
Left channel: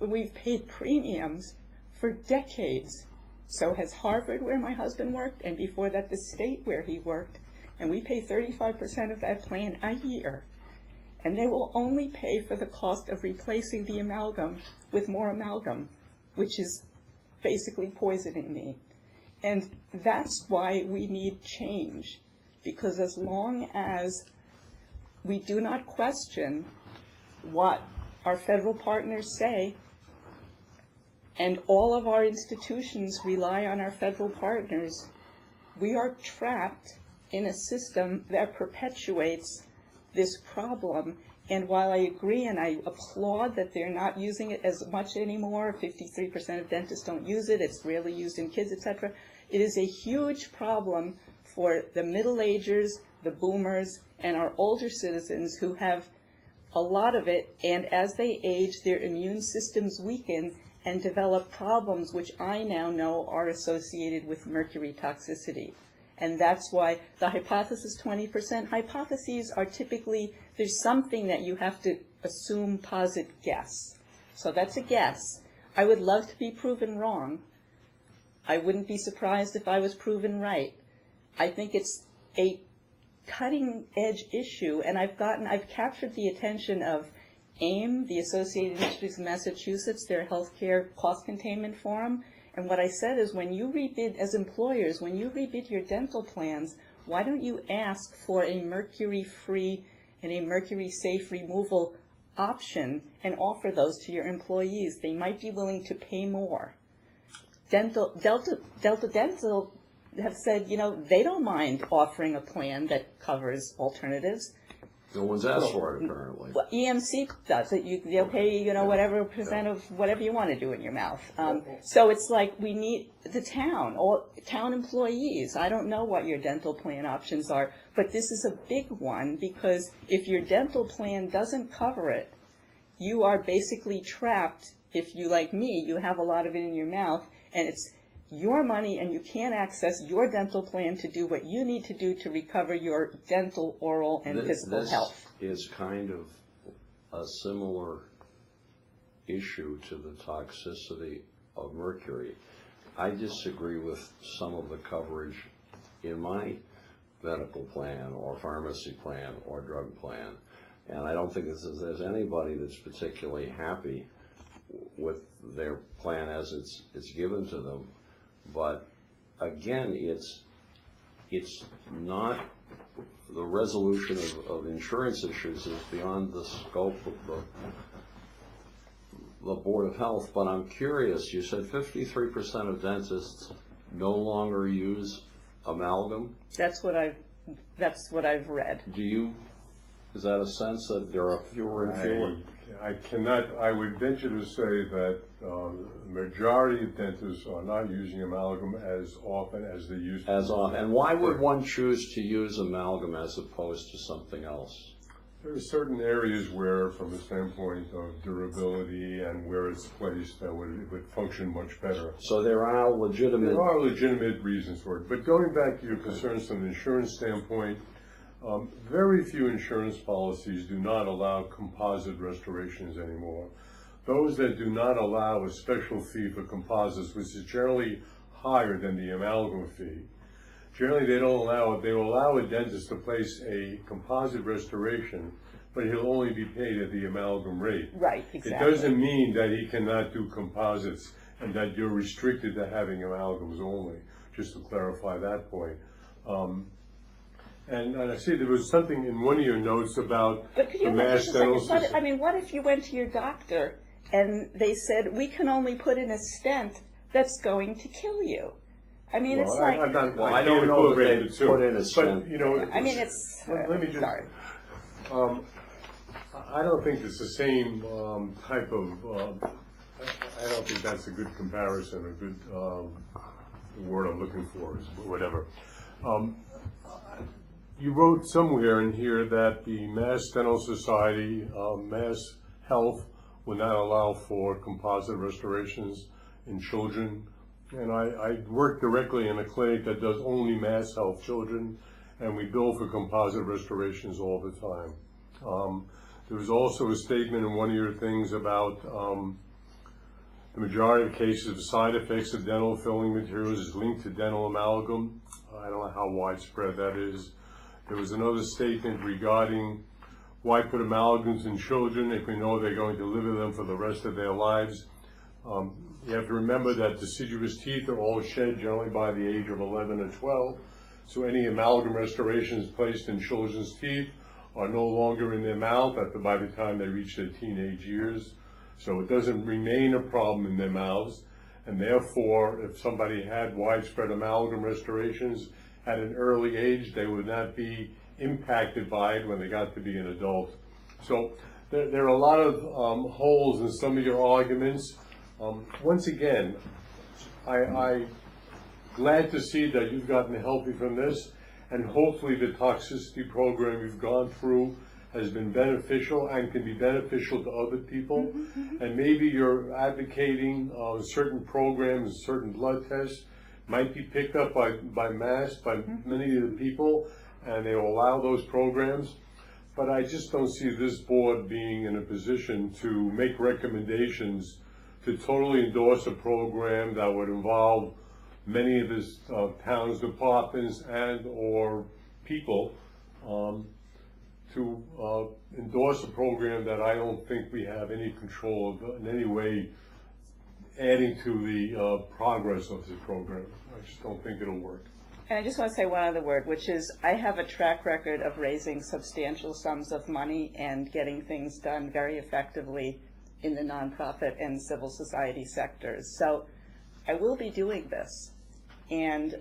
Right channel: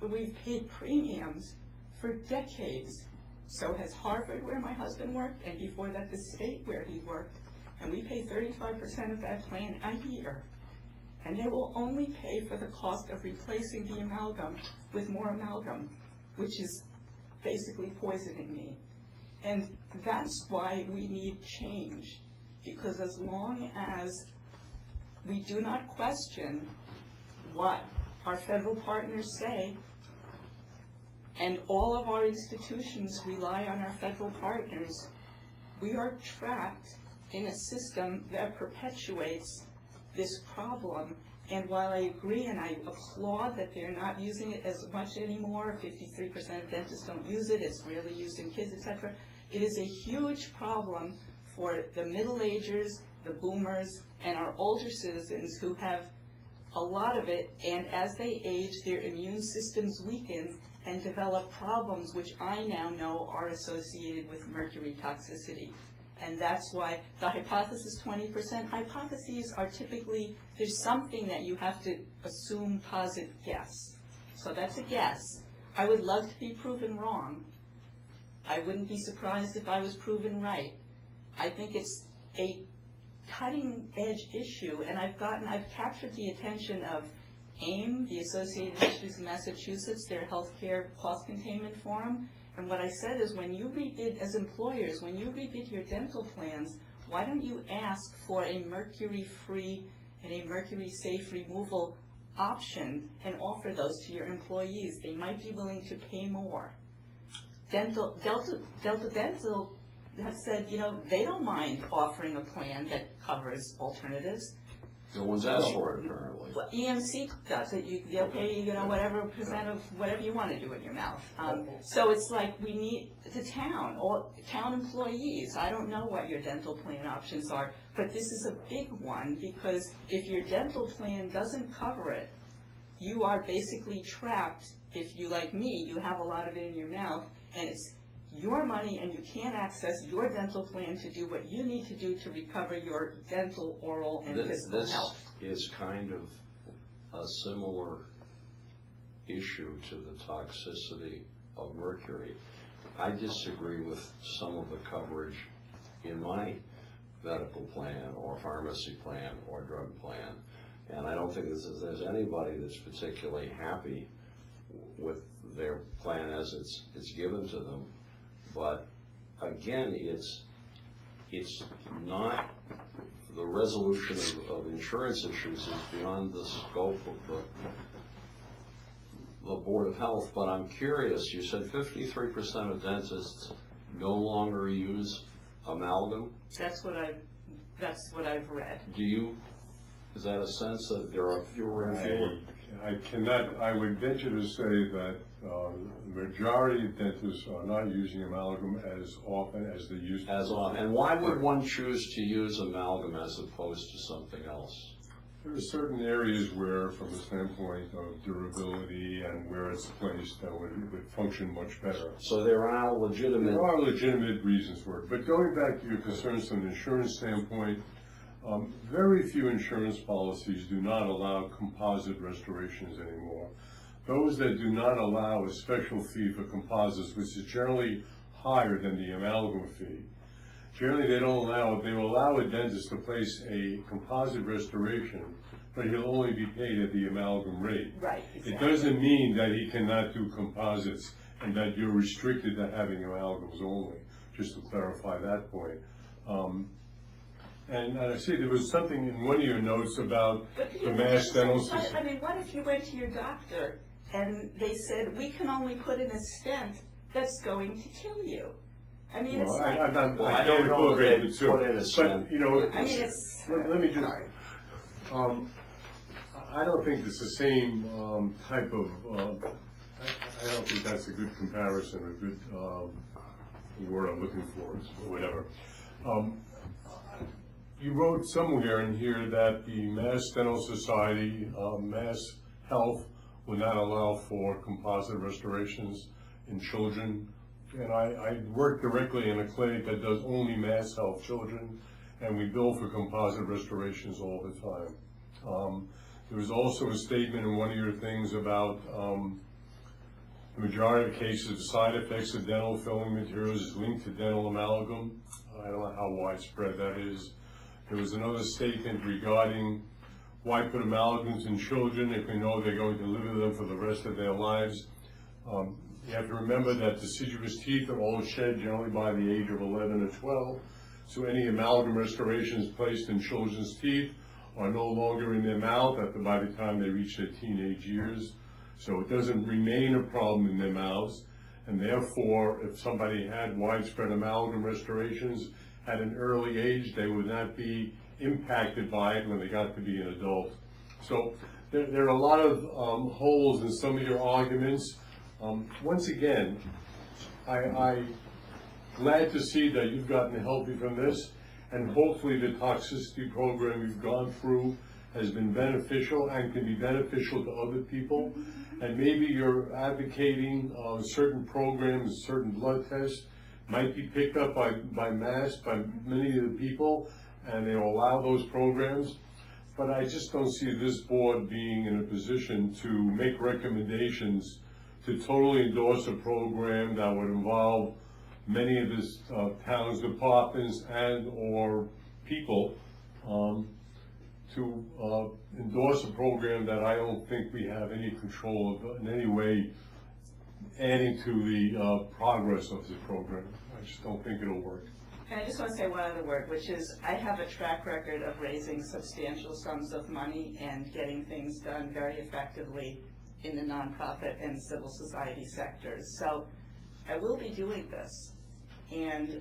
we've paid premiums for decades. So has Harvard, where my husband worked, and before that the state where he worked, and we pay 35% of that plan a year. And they will only pay for the cost of replacing the amalgam with more amalgam, which is basically poisoning me. And that's why we need change, because as long as we do not question what our federal partners say, and all of our institutions rely on our federal partners, we are trapped in a system that perpetuates this problem. And while I agree and I applaud that they're not using it as much anymore, 53% of dentists don't use it, it's rarely used in kids, etc., it is a huge problem for the middle agers, the boomers, and our older citizens who have a lot of it, and as they age, their immune systems weaken and develop problems which I now know are associated with mercury toxicity. And that's why the hypothesis 20%, hypotheses are typically, there's something that you have to assume, posit, guess. So that's a guess. I would love to be proven wrong. I wouldn't be surprised if I was proven right. I think it's a cutting edge issue, and I've captured the attention of AIM, the Associated Universities of Massachusetts, their healthcare cost containment forum. And what I said is, when you rebid, as employers, when you rebid your dental plans, why don't you ask for a mercury-free and a mercury-safe removal option and offer those to your employees? They might be willing to pay more. Delta Dental have said, they don't mind offering a plan that covers alternatives. No one's asked for it, apparently. Well, EMC does it. They'll pay, whatever percent of whatever you want to do in your mouth. So it's like we need the town, or town employees. I don't know what your dental plan options are, but this is a big one, because if your dental plan doesn't cover it, you are basically trapped. If you, like me, you have a lot of it in your mouth, and it's your money, and you can't access your dental plan to do what you need to do to recover your dental, oral, and physical health. This is kind of a similar issue to the toxicity of mercury. I disagree with some of the coverage in my medical plan or pharmacy plan or drug plan, and I don't think there's anybody that's particularly happy with their plan as it's given to them. But again, it's not, the resolution of insurance issues is beyond the scope of the Board of Health. But I'm curious, you said 53% of dentists no longer use amalgam? That's what I've read. Is that a sense that there are fewer and fewer? I would venture to say that majority of dentists are not using amalgam as often as they used to. As often. And why would one choose to use amalgam as opposed to something else? There are certain areas where, from the standpoint of durability and where it's placed, that would function much better. So there are legitimate reasons for it. But going back to your concerns from an insurance standpoint, very few insurance policies do not allow composite restorations anymore. Those that do not allow a special fee for composites, which is generally higher than the amalgam fee, generally they don't allow it. They will allow a dentist to place a composite restoration, but he'll only be paid at the amalgam rate. Right, exactly. It doesn't mean that he cannot do composites and that you're restricted to having amalgams only, just to clarify that point. And I see there was something in one of your notes about the Mass Dental Society. What if you went to your doctor and they said, we can only put in a stent that's going to kill you? I don't know that they put in a stent. But, let me just, sorry. I don't think it's the same type of, I don't think that's a good comparison, a good word I'm looking for, is whatever. You wrote somewhere in here that the Mass Dental Society, Mass Health, will not allow for composite restorations in children. And I work directly in a clinic that does only Mass Health children, and we bill for composite restorations all the time. There was also a statement in one of your things about The majority of cases of side effects of dental filling materials is linked to dental amalgam. I don't know how widespread that is. There was another statement regarding why put amalgams in children if we know they're going to live with them for the rest of their lives. You have to remember that deciduous teeth are all shed generally by the age of 11 or 12. So any amalgam restorations placed in children's teeth are no longer in their mouth by the time they reach their teenage years. So it doesn't remain a problem in their mouths. And therefore, if somebody had widespread amalgam restorations at an early age, they would not be impacted by it when they got to be an adult. So there are a lot of holes in some of your arguments. Once again, I'm glad to see that you've gotten healthy from this, and hopefully the toxicity program you've gone through has been beneficial and can be beneficial to other people. And maybe you're advocating certain programs, certain blood tests might be picked up by mass, by many of the people, and they will allow those programs. But I just don't see this board being in a position to make recommendations to totally endorse a program that would involve many of the town's departments and or people to endorse a program that I don't think we have any control of in any way adding to the progress of this program. I just don't think it'll work. And I just want to say one other word, which is I have a track record of raising substantial sums of money and getting things done very effectively in the nonprofit and civil society sectors. So I will be doing this, and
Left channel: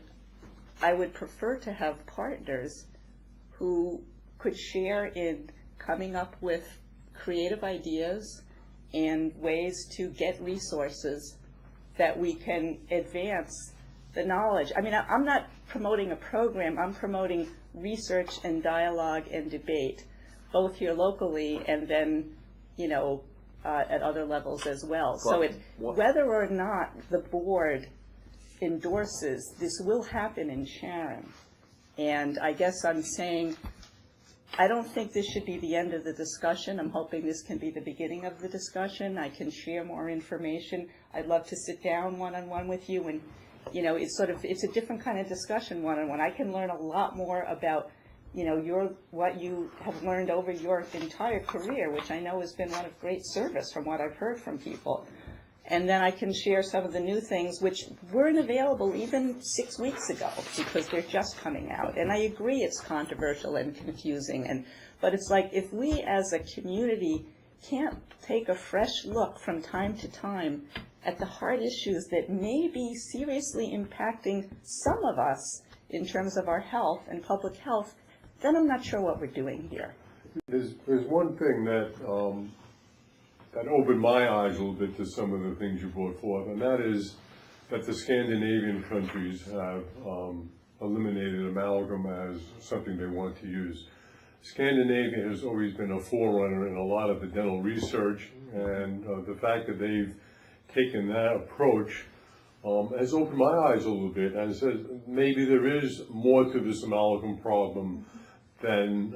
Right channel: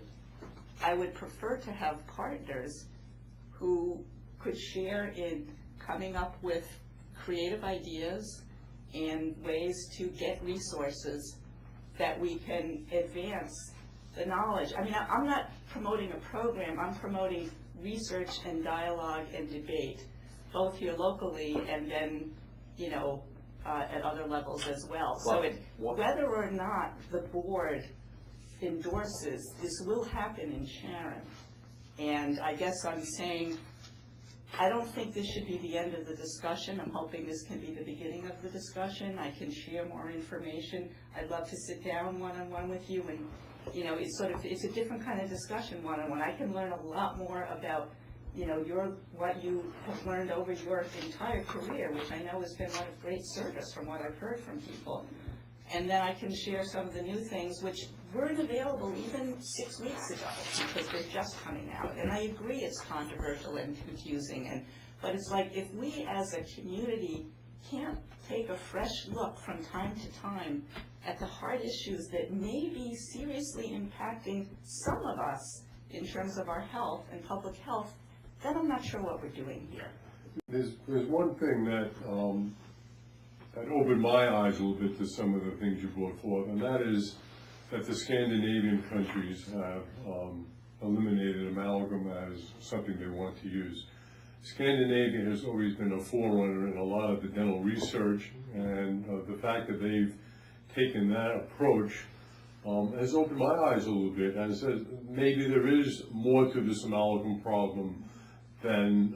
I would prefer to have partners who could share in coming up with creative ideas and ways to get resources that we can advance the knowledge. I mean, I'm not promoting a program, I'm promoting research and dialogue and debate, both here locally and then, at other levels as well. So whether or not the board endorses, this will happen in Sharon. And I guess I'm saying, I don't think this should be the end of the discussion. I'm hoping this can be the beginning of the discussion. I can share more information. I'd love to sit down one-on-one with you, and it's a different kind of discussion one-on-one. I can learn a lot more about what you have learned over your entire career, which I know has been one of great service from what I've heard from people. And then I can share some of the new things which weren't available even 6 weeks ago because they're just coming out. And I agree it's controversial and confusing, but it's like if we as a community can't take a fresh look from time to time at the hard issues that may be seriously impacting some of us in terms of our health and public health, then I'm not sure what we're doing here. There's one thing that opened my eyes a little bit to some of the things you brought forth, and that is that the Scandinavian countries have eliminated amalgam as something they want to use. Scandinavia has always been a forerunner in a lot of the dental research, and the fact that they've taken that approach has opened my eyes a little bit and says maybe there is more to this amalgam problem than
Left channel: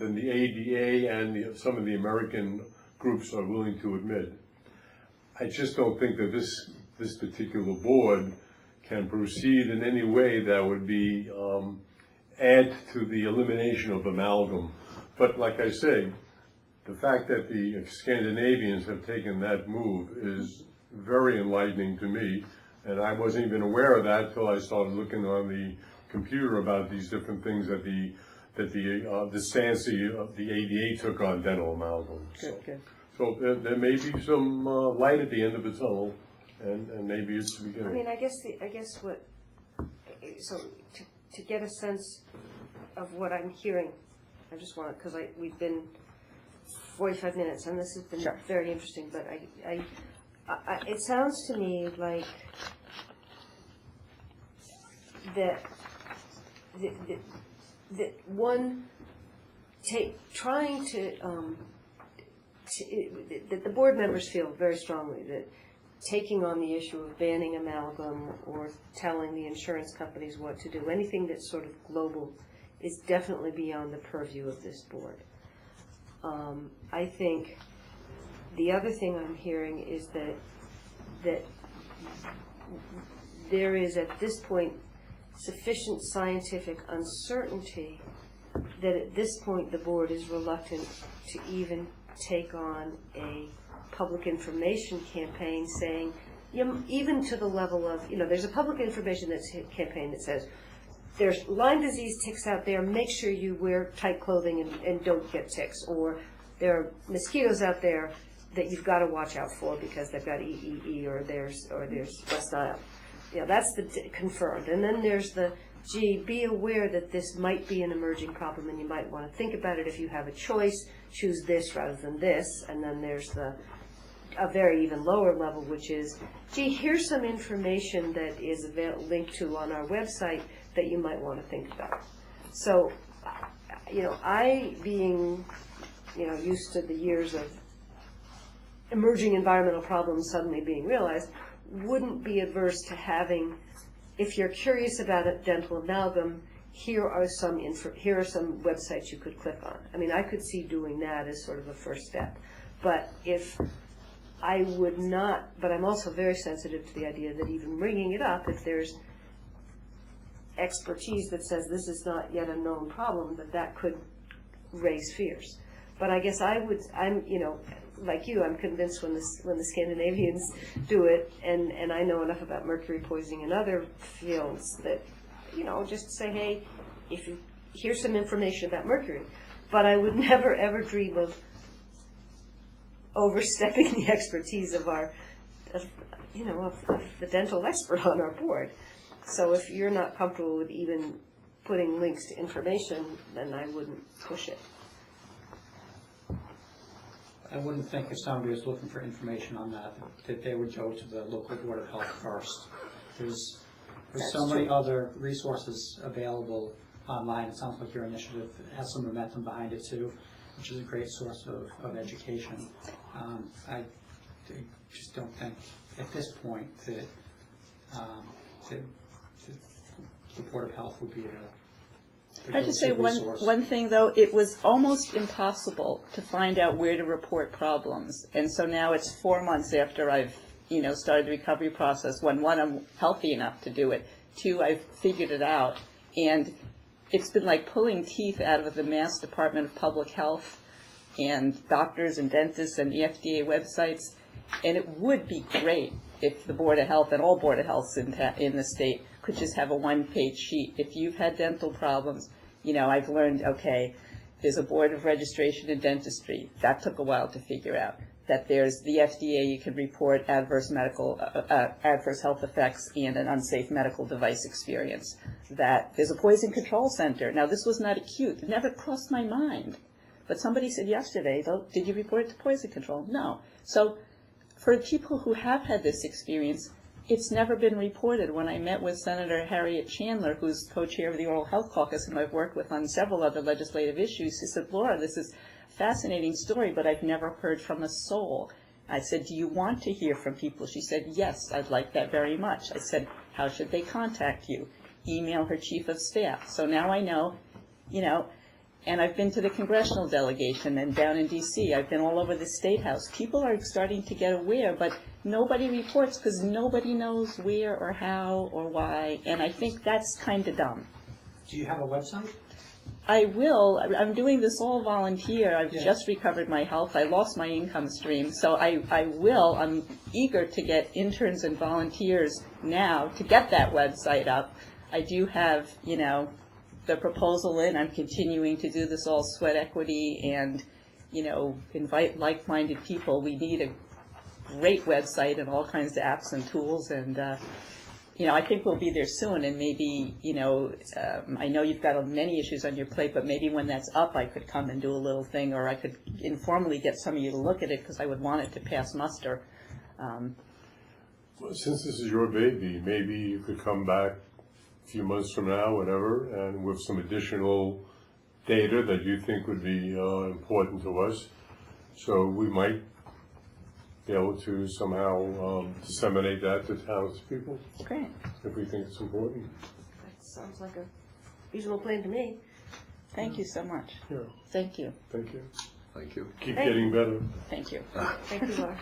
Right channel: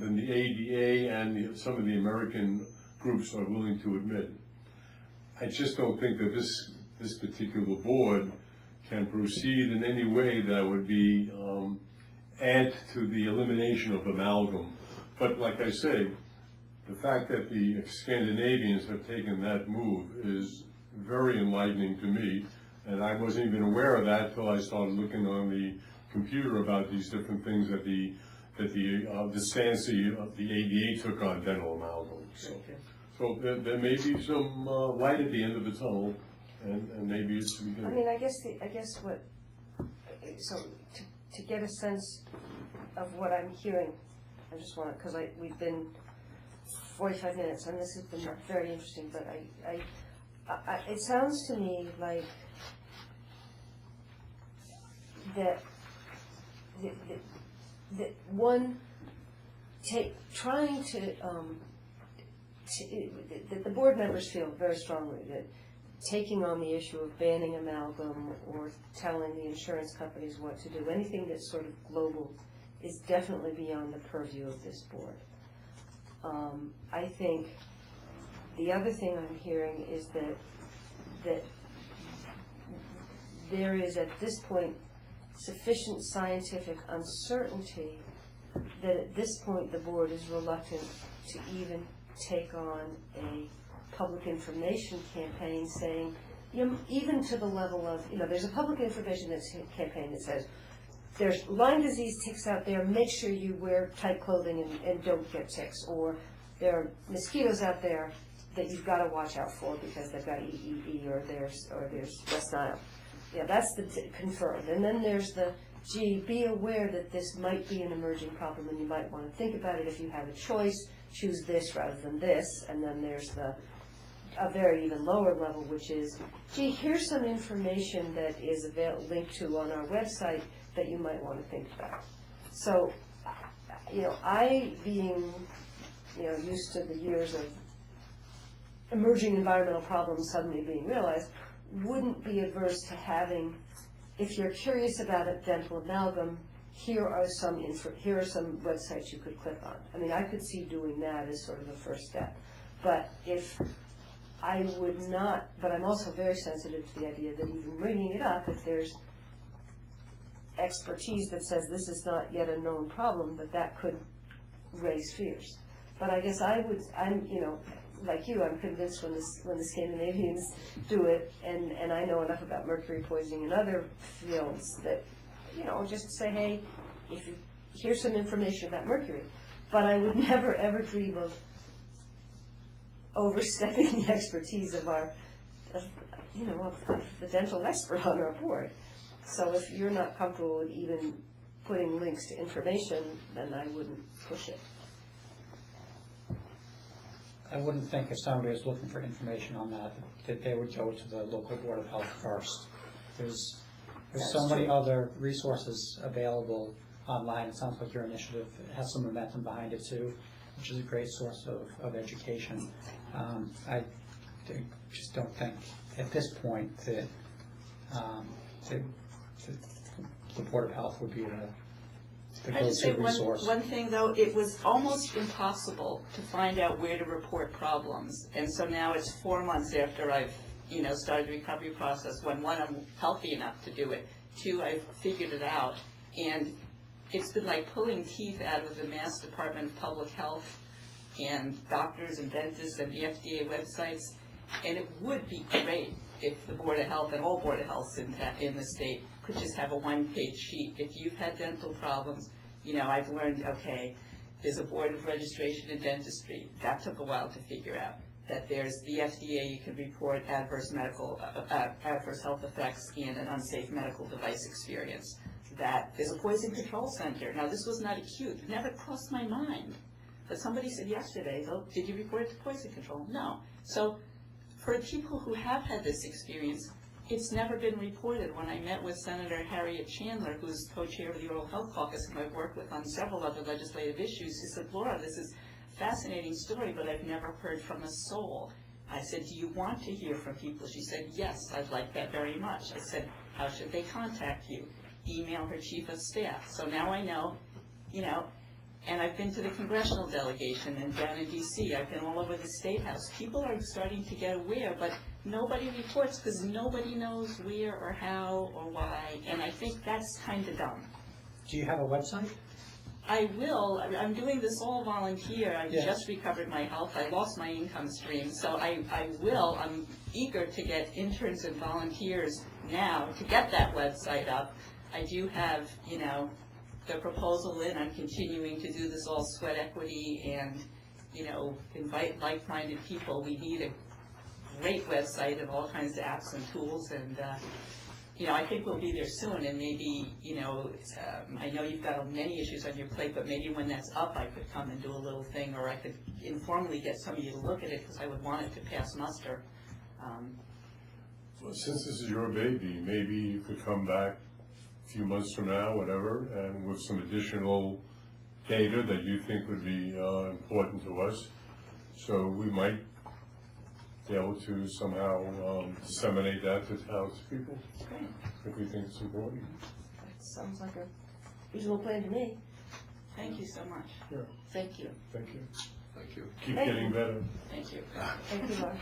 the ADA and some of the American groups are willing to admit. I just don't think that this particular board can proceed in any way that would be add to the elimination of amalgam. But like I say, the fact that the Scandinavians have taken that move is very enlightening to me, and I wasn't even aware of that until I started looking on the computer about these different things that the stance of the ADA took on dental amalgam. So there may be some light at the end of the tunnel, and maybe it's the beginning. I mean, I guess what, so to get a sense of what I'm hearing, I just want to, because we've been 45 minutes, and this has been very interesting, but it sounds to me like that one trying to that the board members feel very strongly that taking on the issue of banning amalgam or telling the insurance companies what to do, anything that's sort of global, is definitely beyond the purview of this board. I think the other thing I'm hearing is that that there is at this point sufficient scientific uncertainty that at this point the board is reluctant to even take on a public information campaign saying, even to the level of, there's a public information campaign that says, there's Lyme disease ticks out there, make sure you wear tight clothing and don't get ticks. Or there are mosquitoes out there that you've got to watch out for because they've got EEE or there's that's not, that's the confirmed. And then there's the, be aware that this might be an emerging problem and you might want to think about it. If you have a choice, choose this rather than this. And then there's a very even lower level, which is, here's some information that is linked to on our website that you might want to think about. So, I being, used to the years of emerging environmental problems suddenly being realized, wouldn't be averse to having, if you're curious about a dental amalgam, here are some websites you could click on. I mean, I could see doing that as sort of the first step. But if I would not, but I'm also very sensitive to the idea that even bringing it up, if there's expertise that says this is not yet a known problem, that could raise fears. But I guess I'm like you, I'm convinced when the Scandinavians do it, and I know enough about mercury poisoning in other fields that, just say, hey, here's some information about mercury. But I would never ever dream of overstepping the expertise of the dental expert on our board. So if you're not comfortable with even putting links to information, then I wouldn't push it. I wouldn't think if somebody was looking for information on that they would go to the local Board of Health first. There's so many other resources available online. It sounds like your initiative has some momentum behind it too, which is a great source of education. I just don't think at this point that the Board of Health would be the I just say resource. one thing though, it was almost impossible to find out where to report problems, and so now it's 4 months after I've started the recovery process. When one, I'm healthy enough to do it. 2, I've figured it out, and it's been like pulling teeth out of the Mass Department of Public Health and doctors and dentists and the FDA websites. And it would be great if the Board of Health and all Board of Healths in the state could just have a one-page sheet. If you've had dental problems, I've learned, okay, there's a Board of Registration in Dentistry. That took a while to figure out. That there's the FDA, you can report adverse health effects and an unsafe medical device experience. That there's a poison control center. Now, this was not acute. It never crossed my mind. But somebody said yesterday, though, did you report it to poison control? No. So for people who have had this experience, it's never been reported. When I met with Senator Harriet Chandler, who's co-chair of the Oral Health Caucus, and I've worked with on several other legislative issues, she said, Laura, this is a fascinating story, but I've never heard from a soul. I said, do you want to hear from people? She said, yes, I'd like that very much. I said, how should they contact you? Email her chief of staff. So now I know, and I've been to the congressional delegation and down in D.C. I've been all over the State House. People are starting to get aware, but nobody reports because nobody knows where or how or why, and I think that's kind of dumb. Do you have a website? I will. I'm doing this all volunteer. I've just recovered my health. I lost my income stream, so I will. I'm eager to get interns and volunteers now to get that website up. I do have, the proposal in. I'm continuing to do this all sweat equity and, invite like-minded people. We need a great website and all kinds of apps and tools, and I think we'll be there soon. And maybe, I know you've got many issues on your plate, but maybe when that's up, I could come and do a little thing, or I could informally get some of you to look at it because I would want it to pass muster. Well, since this is your baby, maybe you could come back a few months from now, whatever, and with some additional data that you think would be important to us. So we might be able to somehow disseminate that to townspeople. Okay. If we think it's important. That sounds like a reasonable plan to me. Thank you so much. Yeah. Thank you. Thank you. Thank you. Keep Thank getting you. better. Thank you. Thank you, Laura.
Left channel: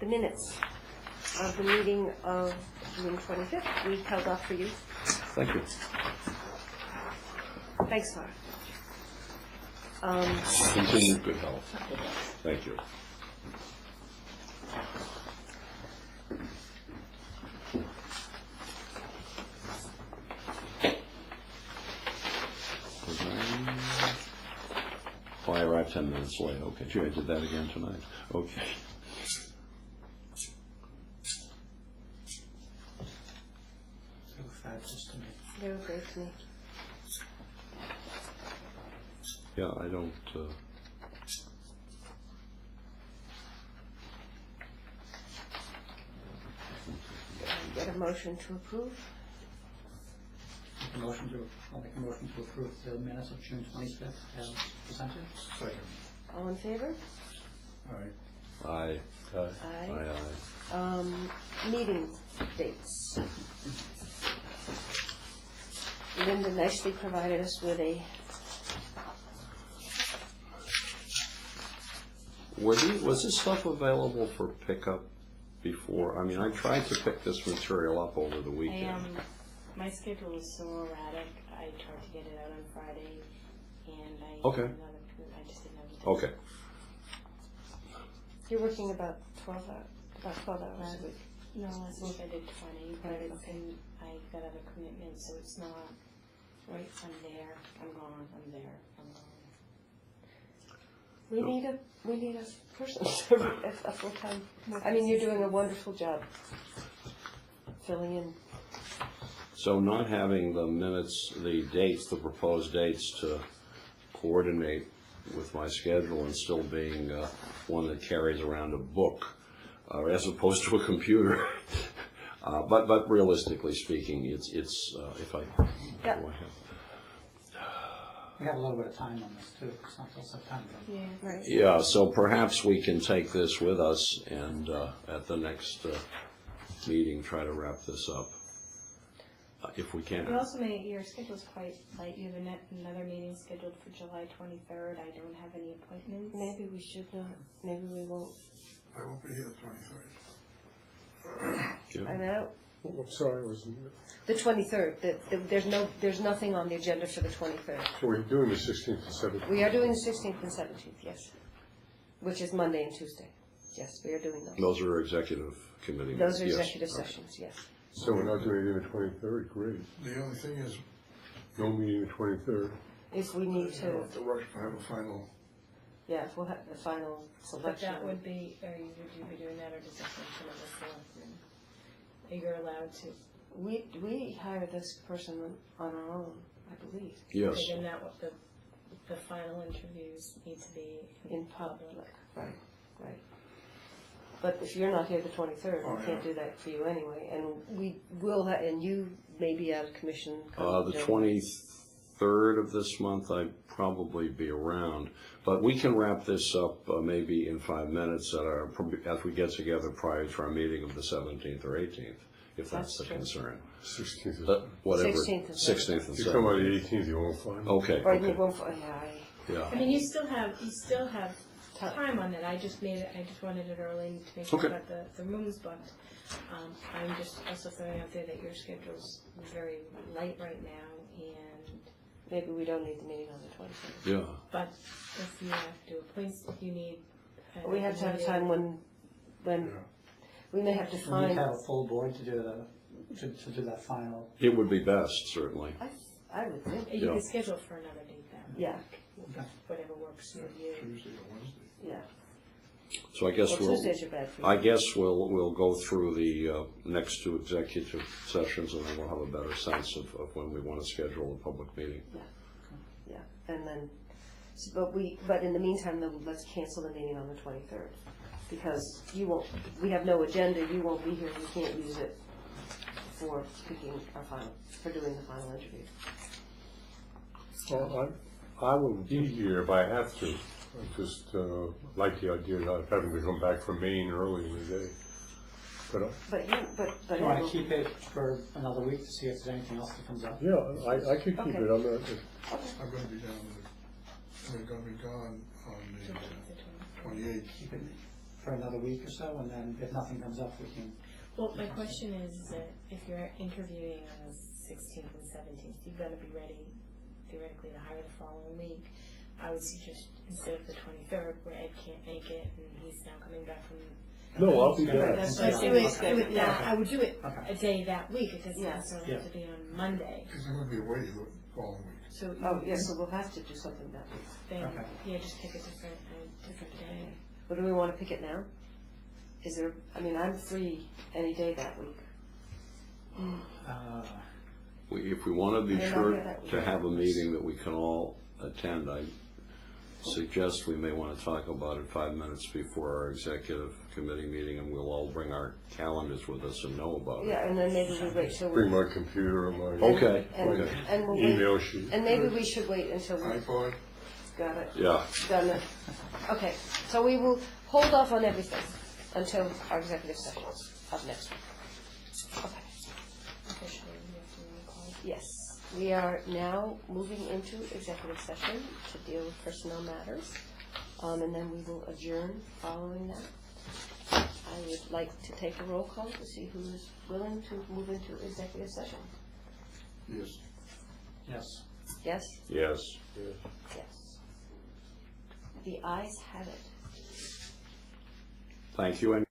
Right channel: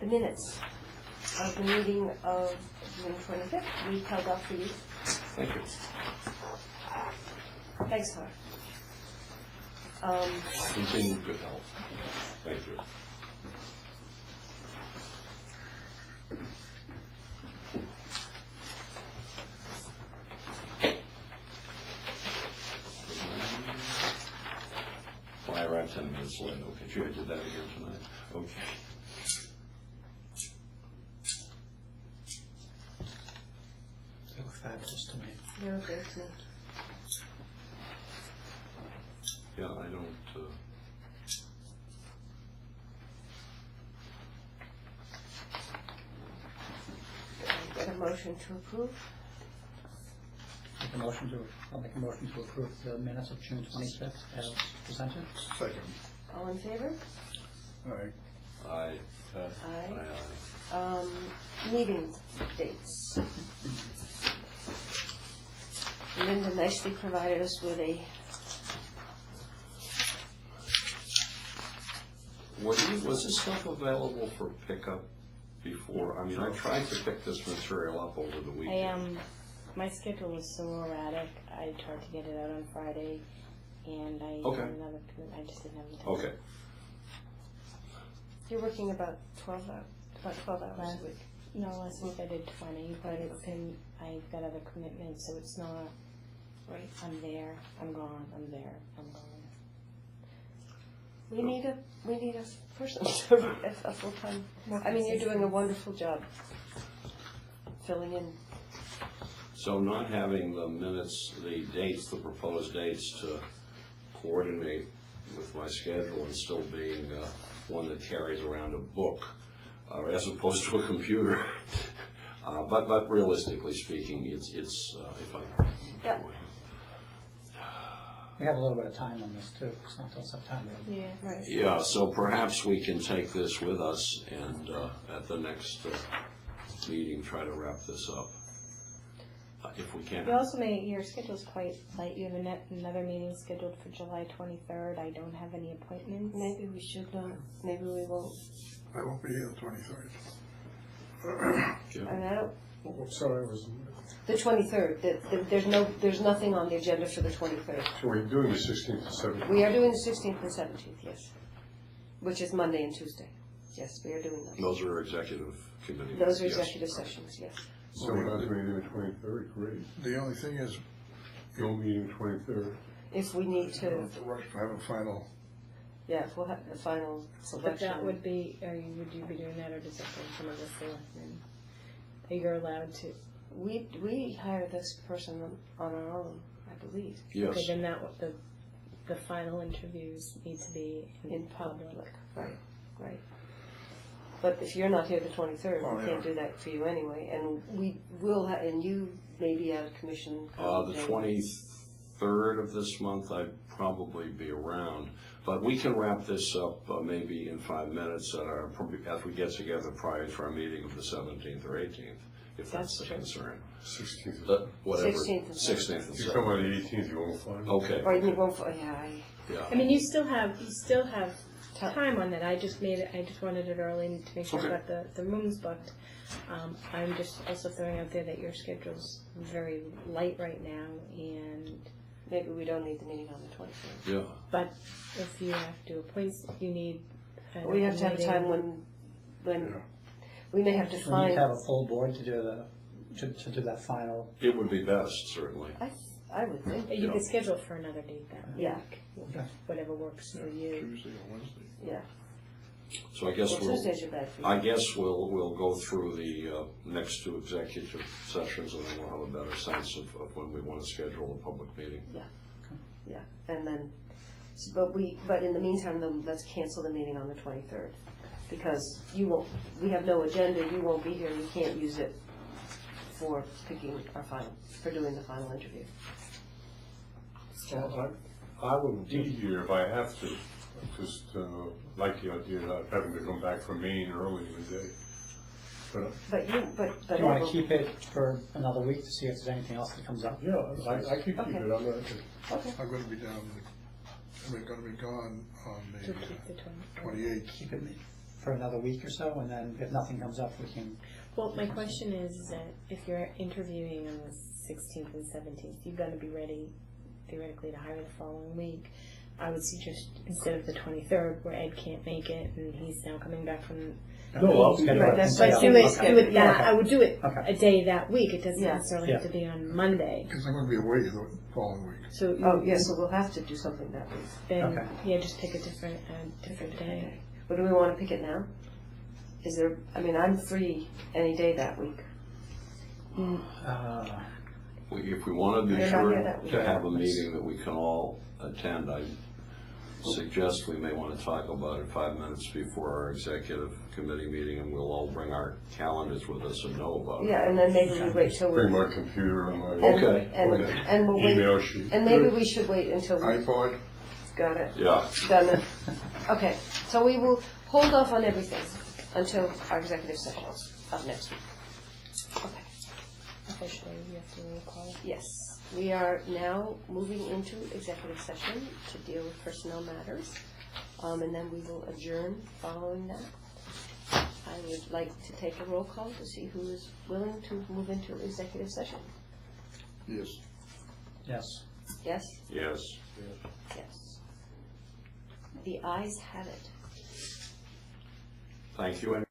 The minutes of the meeting of June 25th, we held off for you. Thank you. Thanks, Laura. Continued good health. Thank you. Oh, I arrived 10 minutes late. Okay, sure, I did that again tonight. Okay. They were fabulous to me. They're okay with me. Yeah, I don't, Get a motion to approve. I'll make a motion to approve the minutes of June 25th as presented. Second. All in favor? I, Aye. Meeting dates. Linda nicely provided us with a, was this stuff available for pickup before? I mean, I tried to pick this material up over the weekend. My schedule was so erratic. I tried to get it out on Friday, and I Okay. had another. I just didn't have the time. Okay. you're working about 12 hours a week. No, last week I did 20, but Right, it's okay. I've got other commitments, so it's not. Right. I'm there. I'm gone. I'm there. I'm gone. We need a person, a full-time. I mean, you're doing a wonderful job filling in. So not having the minutes, the dates, the proposed dates to coordinate with my schedule and still being one that carries around a book as opposed to a computer. But realistically speaking, it's if I. Yeah. We have a little bit of time on this too. It's not till September. Yeah. Right. Yeah, so perhaps we can take this with us and at the next meeting try to wrap this up. If we can. You also your schedule's quite light. You have another meeting scheduled for July 23rd. I don't have any appointments. Maybe we should not. Maybe we won't. I won't be here the 23rd. I'm out. Sorry, I was. The 23rd. There's nothing on the agenda for the 23rd. So we're doing the 16th and 17th. We are doing the 16th and 17th, yes. Which is Monday and Tuesday. Yes, we are doing those. Those are executive committee. Those are yes. executive sessions, yes. So we're not doing anything the 23rd, great. The only thing is, No meeting the 23rd. If we need you don't to, have to rush to have a final. yeah, if we'll have the final But selection. that would be, would you be doing that, or does that come from the selectmen? You're allowed to. We hire this person on our own, I believe, Yes. Okay, then the final interviews need to be in public. Right. But if you're not here the 23rd, Oh, we can't yeah. do that for you anyway. And we will, and you may be out of commission. The 23rd of this month, I'd probably be around. But we can wrap this up maybe in 5 minutes as we get together prior to our meeting of the 17th or 18th, if that's the That's true. concern. 16th. Whatever. 16th and 16th and If you come out 17th. the 18th, you won't find. Okay. Or you won't, Yeah. I mean, you still have Ti- time on that. I just wanted it early to make sure Okay. that the rooms booked. I'm just also throwing out there that your schedule's very light right now, and maybe we don't need the meeting on the 23rd. Yeah. but if you have to appoint, if you need. We have to have a time when we may have to We need find. to have a full board to do do that final. It would be best, certainly. I would think. You Yeah. can schedule for another date then. Yeah. Whatever works for you. Tuesday and Wednesday. Yeah. So I guess Well, Tuesdays are bad for you. I guess we'll go through the next two executive sessions and then we'll have a better sense of when we want to schedule a public meeting. Yeah, and then, but in the meantime, then let's cancel the meeting on the 23rd. Because we have no agenda, you won't be here, you can't use it for for doing the final interview. Well, I will be here if I have to. I just like the idea of having to come back from Maine early in the day. But Do you want to keep it for another week to see if there's anything else that comes up? Yeah, I could keep Okay. it, I'm not, Okay. I'm gonna be down, they're gonna be gone on So the keep the 28th. Keep it for another week or so, and then if nothing comes up, we can. Well, my question is that if you're interviewing on the 16th and 17th, you're going to be ready theoretically to hire the following week. I would suggest instead of the 23rd, where Ed can't make it and he's now coming back from. no, I'll be Schedule there. it that's and right. see Do how- it, okay. do it that. Yeah. I would do it Okay. a day that week. It doesn't Yeah. necessarily have to be on Monday. Because I'm gonna be away the following week. So Oh, yeah, so we'll have to do something that week. then, Okay. yeah, just pick a different day. But do we want to pick it now? Is there, I mean, I'm free any day that week. If we want to be I'm not sure here that week. to have a meeting that we can all attend, I suggest we may want to talk about it 5 minutes before our executive committee meeting, and we'll all bring our calendars with us and know about it. Yeah, and then maybe we wait till we. Bring my computer and my Okay. And we'll wait, email sheet. and maybe we should wait until we iPod, got it, Yeah, done it. Okay, so we will hold off on everything until our executive session of next week. Okay, Officially, you have to call it. yes, we are now moving into executive session to deal with personnel matters. And then we will adjourn following that. I would like to take a roll call to see who is willing to move into executive session. yes. Yes. Yes? yes. Yes. The ayes have it. Thank you.